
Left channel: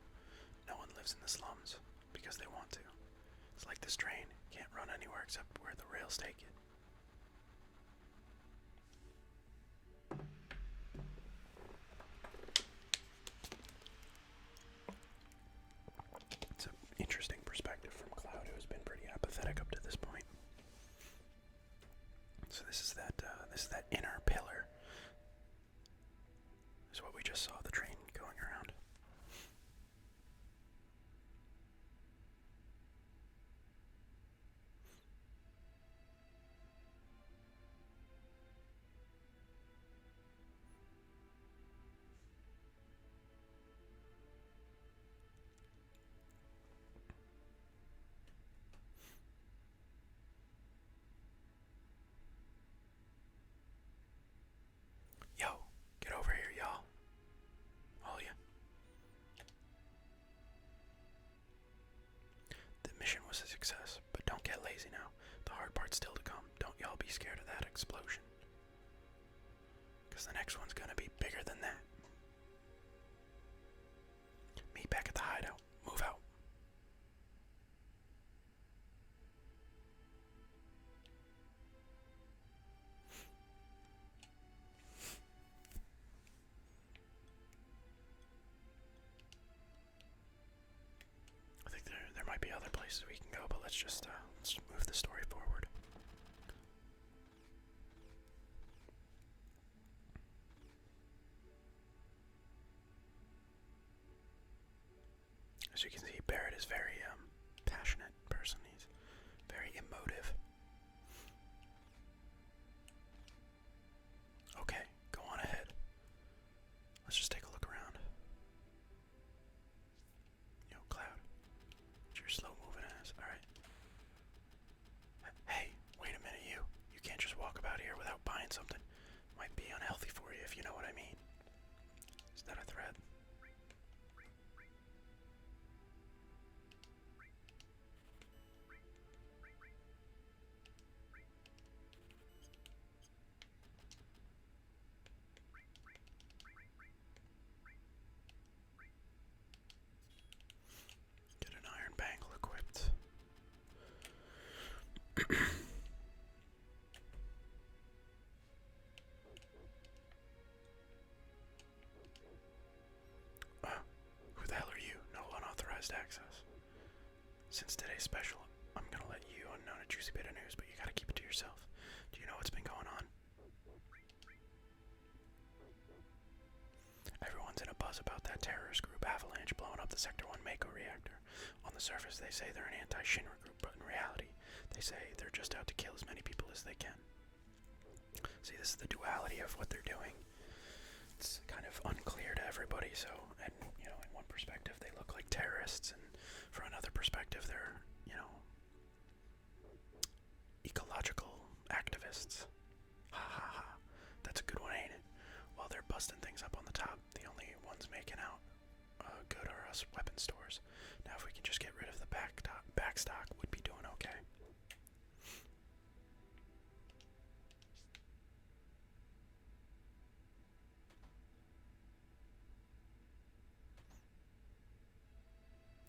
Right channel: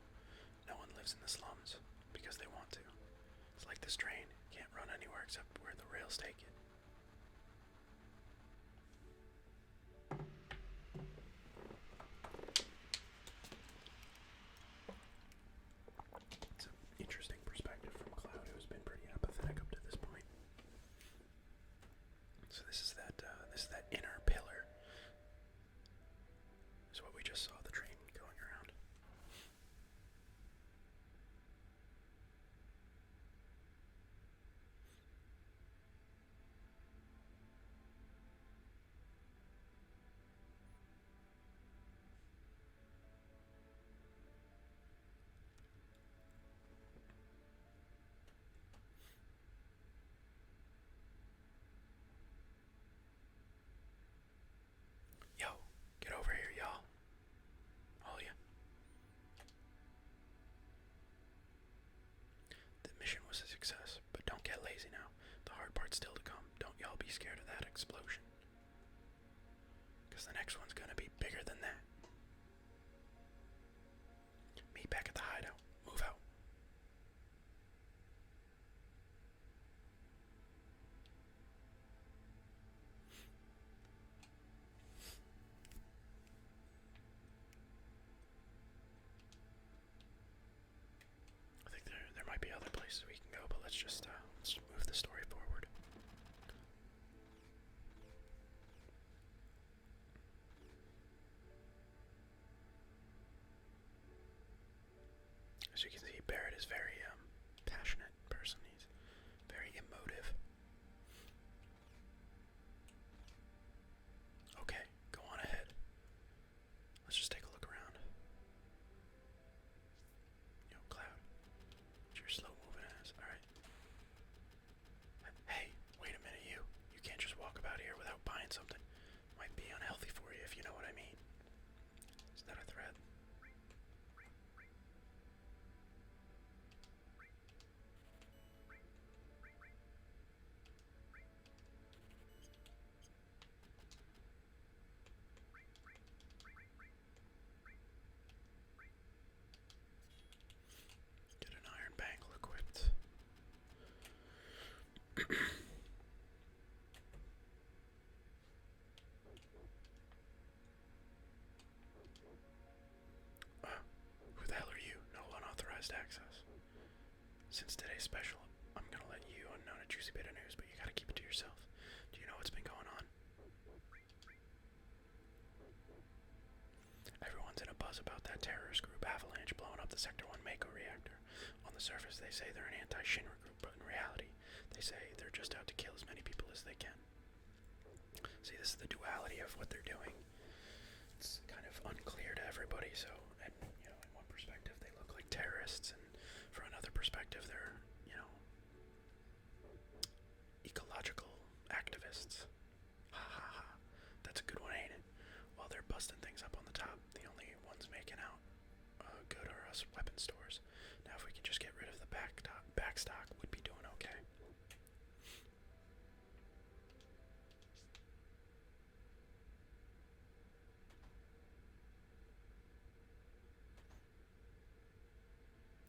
no one lives in the slums because they want to. It's like this train, can't run anywhere except where the rails take it. It's an interesting perspective from Cloud, who has been pretty apathetic up to this point. So this is that inner pillar. Is what we just saw, the train going around. Yo, get over here, y'all. All ya. The mission was a success, but don't get lazy now. The hard part's still to come. Don't y'all be scared of that explosion. Because the next one's gonna be bigger than that. Meet back at the hideout. Move out. I think there might be other places we can go, but let's just move the story forward. As you can see, Barrett is very passionate person. He's very emotive. Okay, go on ahead. Let's just take a look around. Yo, Cloud. It's your slow moving ass. Alright. Hey, wait a minute, you. You can't just walk about here without buying something. Might be unhealthy for you, if you know what I mean. Is that a threat? Get an iron bangle equipped. Who the hell are you? No unauthorized access. Since today's special, I'm gonna let you know a juicy bit of news, but you gotta keep it to yourself. Do you know what's been going on? Everyone's in a buzz about that terrorist group Avalanche blowing up the Sector 1 Mako reactor. On the surface, they say they're an anti-Shinra group, but in reality, they say they're just out to kill as many people as they can. See, this is the duality of what they're doing. It's kind of unclear to everybody, so, and, in one perspective, they look like terrorists, and for another perspective, they're, ecological activists. Ha ha ha. That's a good one, ain't it? While they're busting things up on the top, the only ones making out good are us weapon stores. Now, if we can just get rid of the backstock, we'd be doing okay.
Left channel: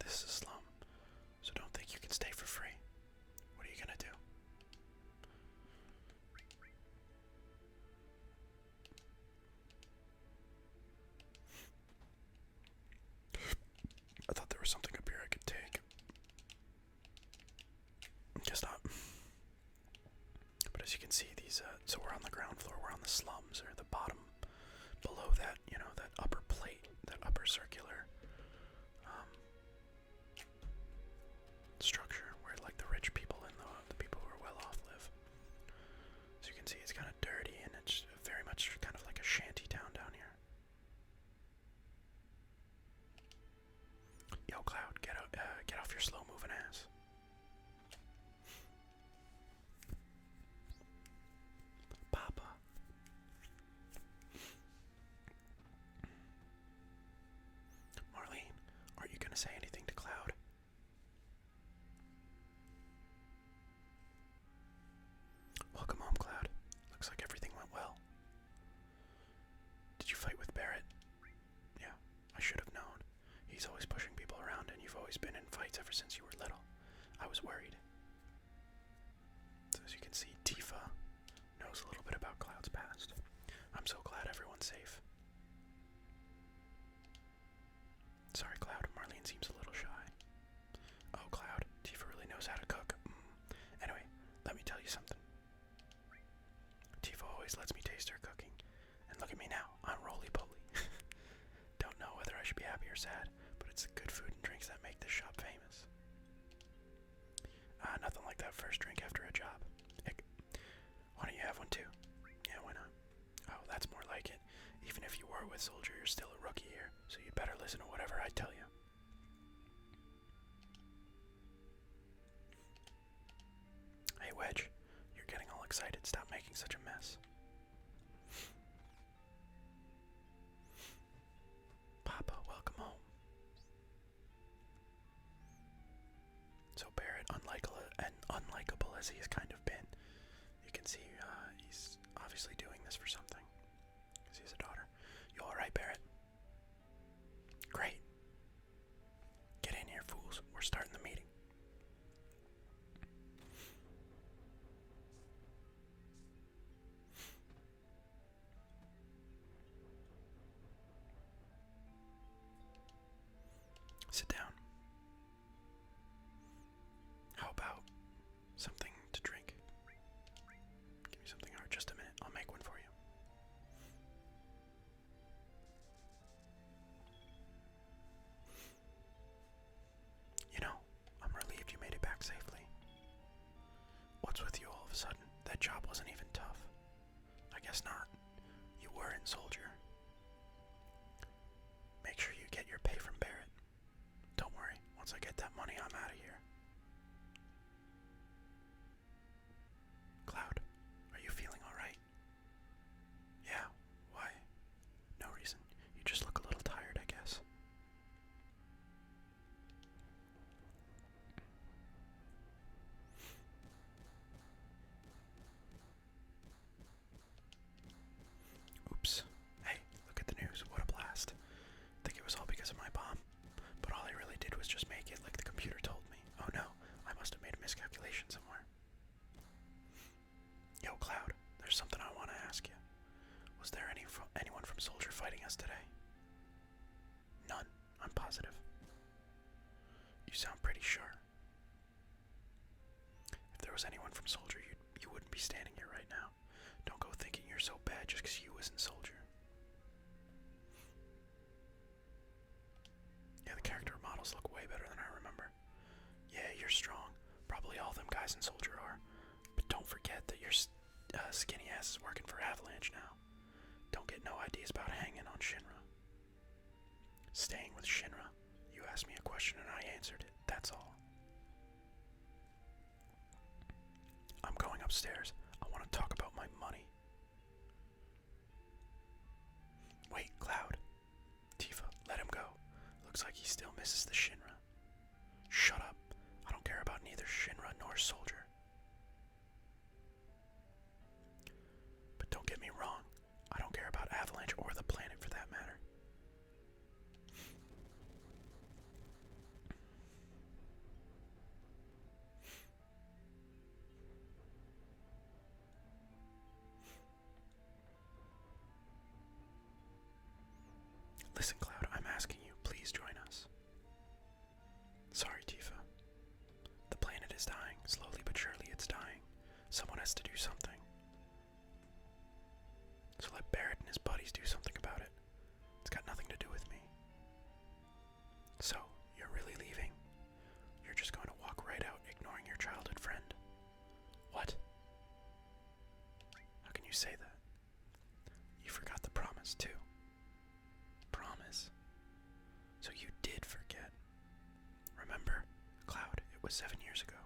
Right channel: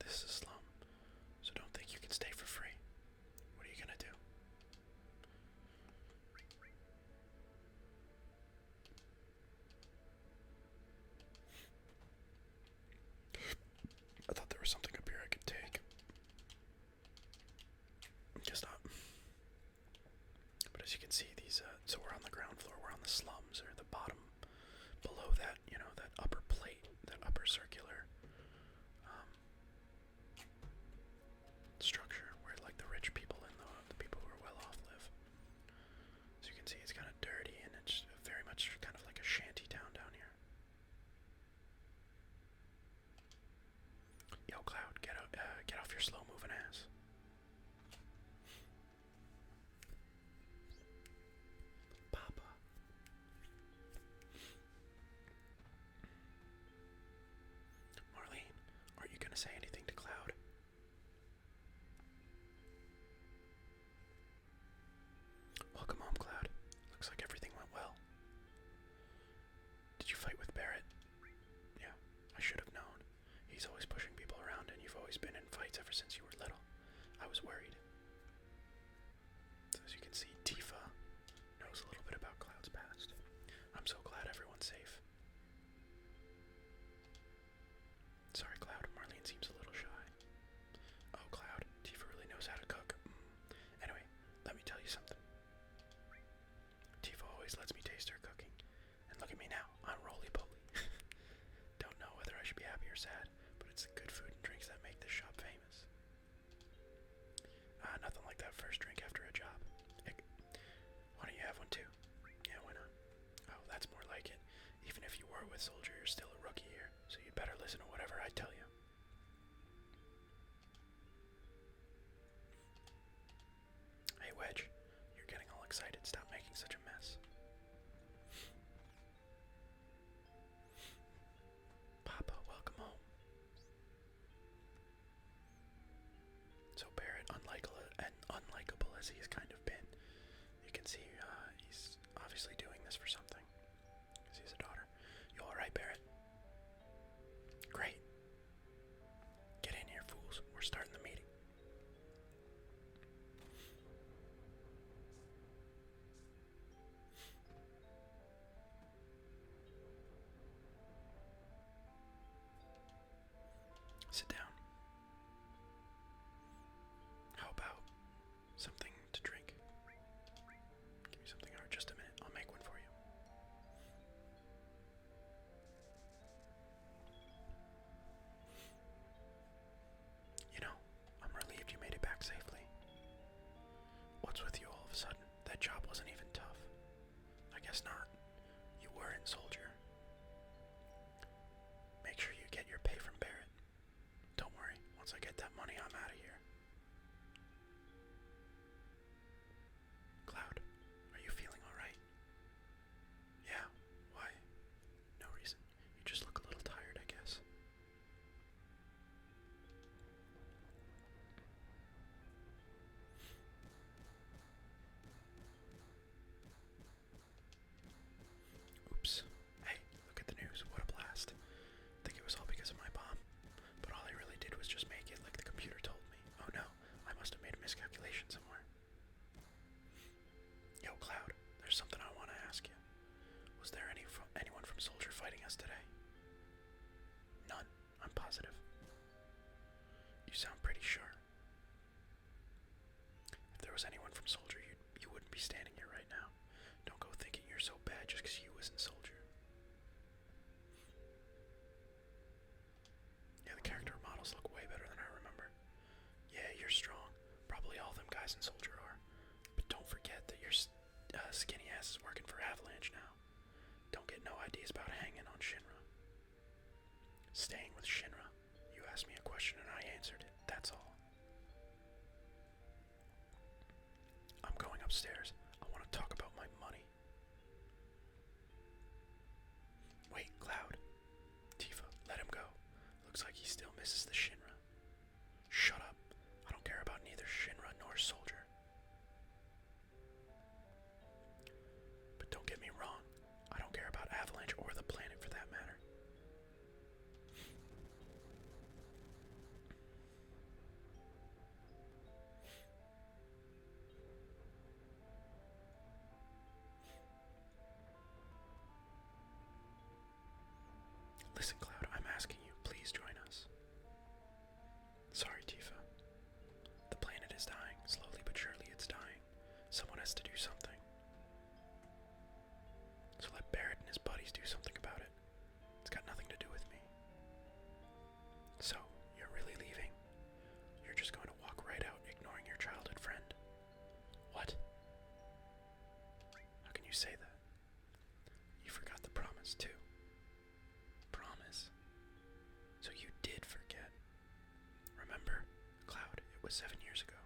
This is a slum, so don't think you can stay for free. What are you gonna do? I thought there was something up here I could take. Guess not. But as you can see, these, so we're on the ground floor, we're on the slums, or the bottom, below that, that upper plate, that upper circular, structure where, like, the rich people and the people who are well off live. So you can see it's kind of dirty, and it's very much kind of like a shanty town down here. Yo, Cloud, get off your slow-moving ass. Papa. Marlene, been in fights ever since you were little. I was worried. So as you can see, Tifa knows a little bit about Cloud's past. I'm so glad everyone's safe. Sorry, Cloud. Marlene seems a little shy. Oh, Cloud. Tifa really knows how to cook. Anyway, let me tell you something. Tifa always lets me taste her cooking. And look at me now. I'm roly-poly. Don't know whether I should be happy or sad, but it's the good food and drinks that make this shop famous. Nothing like that first drink after a job. Heck, why don't you have one too? Yeah, why not? Oh, that's more like it. Even if you were with Soldier, you're still a rookie here, so you'd better listen to whatever I tell you. Hey, Wedge, you're getting all excited. Stop making such a mess. Papa, welcome home. So Barrett, unlikable as he has kind of been, you can see he's obviously doing this for something, because he has a daughter. You alright, Barrett? Great. Get in here, fools. We're starting the meeting. Sit down. How about something to drink? Give me something. Alright, just a minute. I'll make one for you. You know, I'm relieved you made it back safely. What's with you all of a sudden? That job wasn't even tough. I guess not. You were in Soldier. Make sure you get your pay from Barrett. Don't worry, once I get that money, I'm out of here. Cloud, are you feeling alright? Yeah, why? No reason. You just look a little tired, I guess. Oops. Hey, look at the news. What a blast. Think it was all because of my bomb. But all I really did was just make it like the computer told me. Oh no, I must have made a miscalculation somewhere. Yo, Cloud, there's something I want to ask you. Was there anyone from Soldier fighting us today? None, I'm positive. You sound pretty sure. If there was anyone from Soldier, you wouldn't be standing here right now. Don't go thinking you're so bad just because you was in Soldier. Yeah, the character models look way better than I remember. Yeah, you're strong. Probably all them guys in Soldier are. But don't forget that your skinny ass is working for Avalanche now. Don't get no ideas about hanging on Shinra. Staying with Shinra. You asked me a question and I answered it. That's all. I'm going upstairs. I want to talk about my money. Wait, Cloud. Tifa, let him go. Looks like he still misses the Shinra. Shut up. I don't care about neither Shinra nor Soldier. But don't get me wrong. I don't care about Avalanche or the planet for that matter. Listen, Cloud, I'm asking you, please join us. Sorry, Tifa. The planet is dying. Slowly but surely it's dying. Someone has to do something. So let Barrett and his buddies do something about it. It's got nothing to do with me. So, you're really leaving? You're just going to walk right out, ignoring your childhood friend? What? How can you say that? You forgot the promise, too. Promise? So you did forget. Remember, Cloud, it was 7 years ago.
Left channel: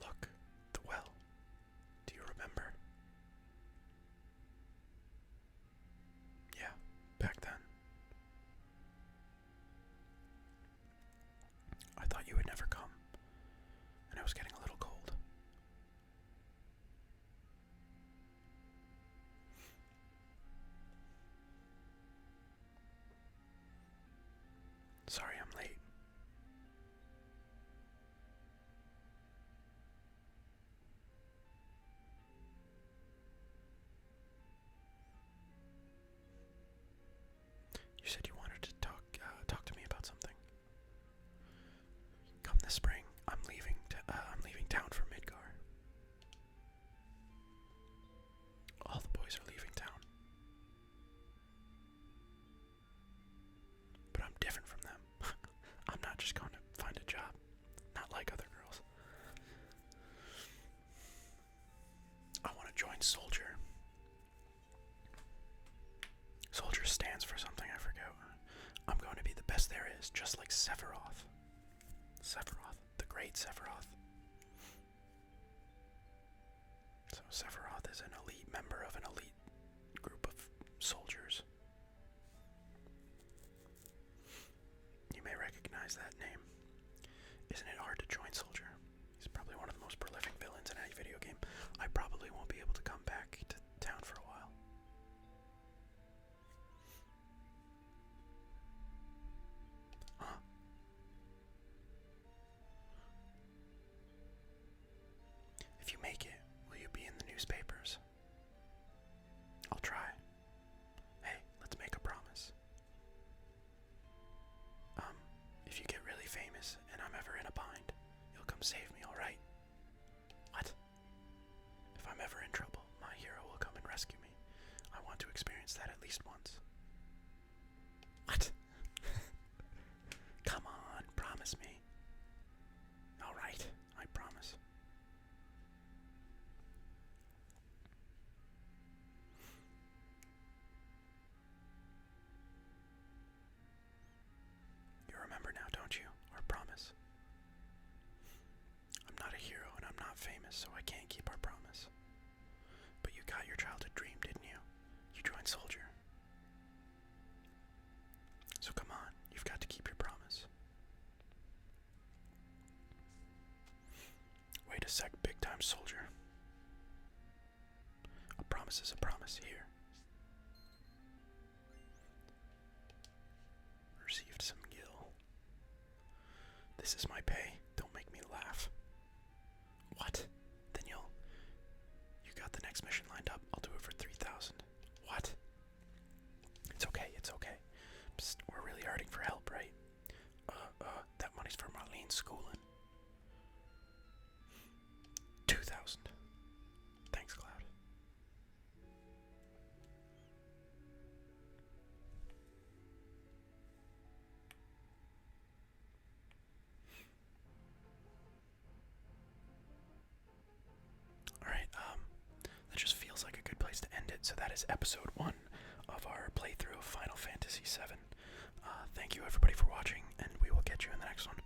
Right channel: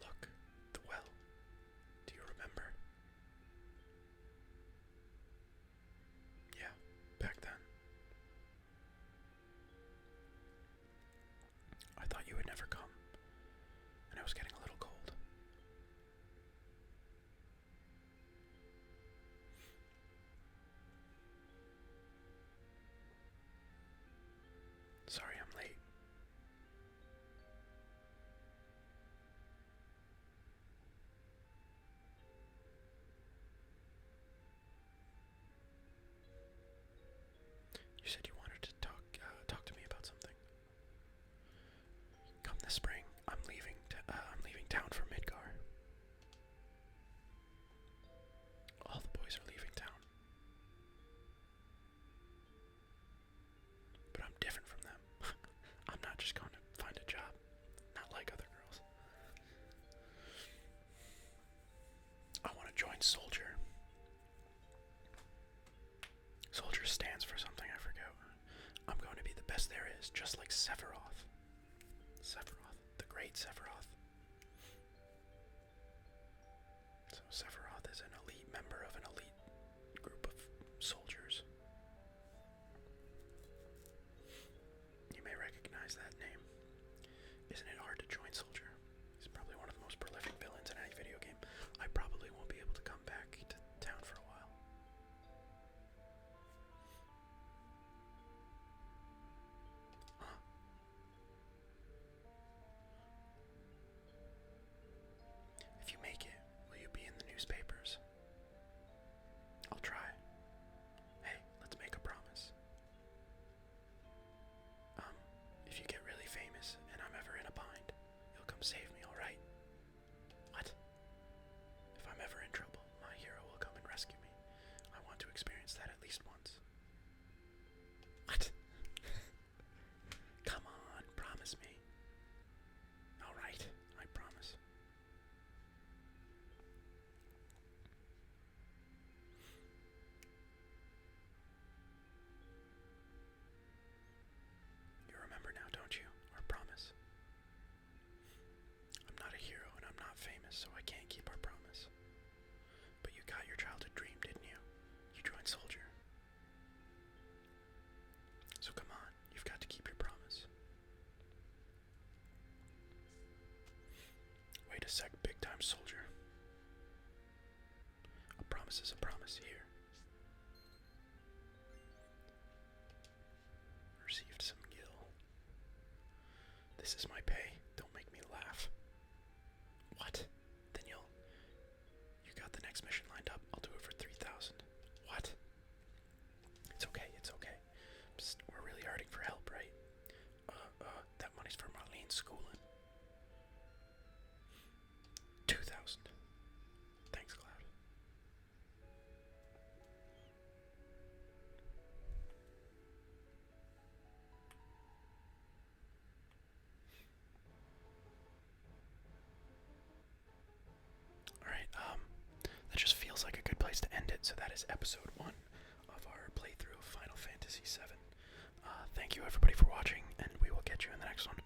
Look, the well. Do you remember? Yeah, back then. I thought you would never come, and it was getting a little cold. I'm leaving town for Midgar. All the boys are leaving town. But I'm different from them. I'm not just going to find a job. Not like other girls. I want to join Soldier. Soldier stands for something I forget. I'm going to be the best there is, just like Sephiroth. Sephiroth, the great Sephiroth. So Sephiroth is an elite member of an elite group of soldiers. You may recognize that name. Isn't it hard to join Soldier? He's probably one of the most prolific villains in any video game. I probably won't be able to come back to town for a while. Huh? If you make it, will you be in the newspapers? I'll try. Hey, let's make a promise. If you get really famous and I'm ever in a bind, you'll come save me, alright? What? If I'm ever in trouble, my hero will come and rescue me. I want to experience that at least once. What? Come on, promise me. Alright, I promise. You remember now, don't you? Our promise. I'm not a hero and I'm not famous, so I can't keep our promise. But you got your childhood dream, didn't you? You joined Soldier. So come on, you've got to keep your promise. Wait a sec, big time Soldier. A promise is a promise here. Received some gil. This is my pay. Don't make me laugh. What? Then you got the next mission lined up. I'll do it for 3,000. What? It's okay, it's okay. Psst, we're really hurting for help, right? That money's for Marlene's schooling. 2,000. Thanks, Cloud. Alright, that just feels like a good place to end it. So that is episode 1 of our playthrough of Final Fantasy VII. Thank you everybody for watching, and we will catch you in the next one.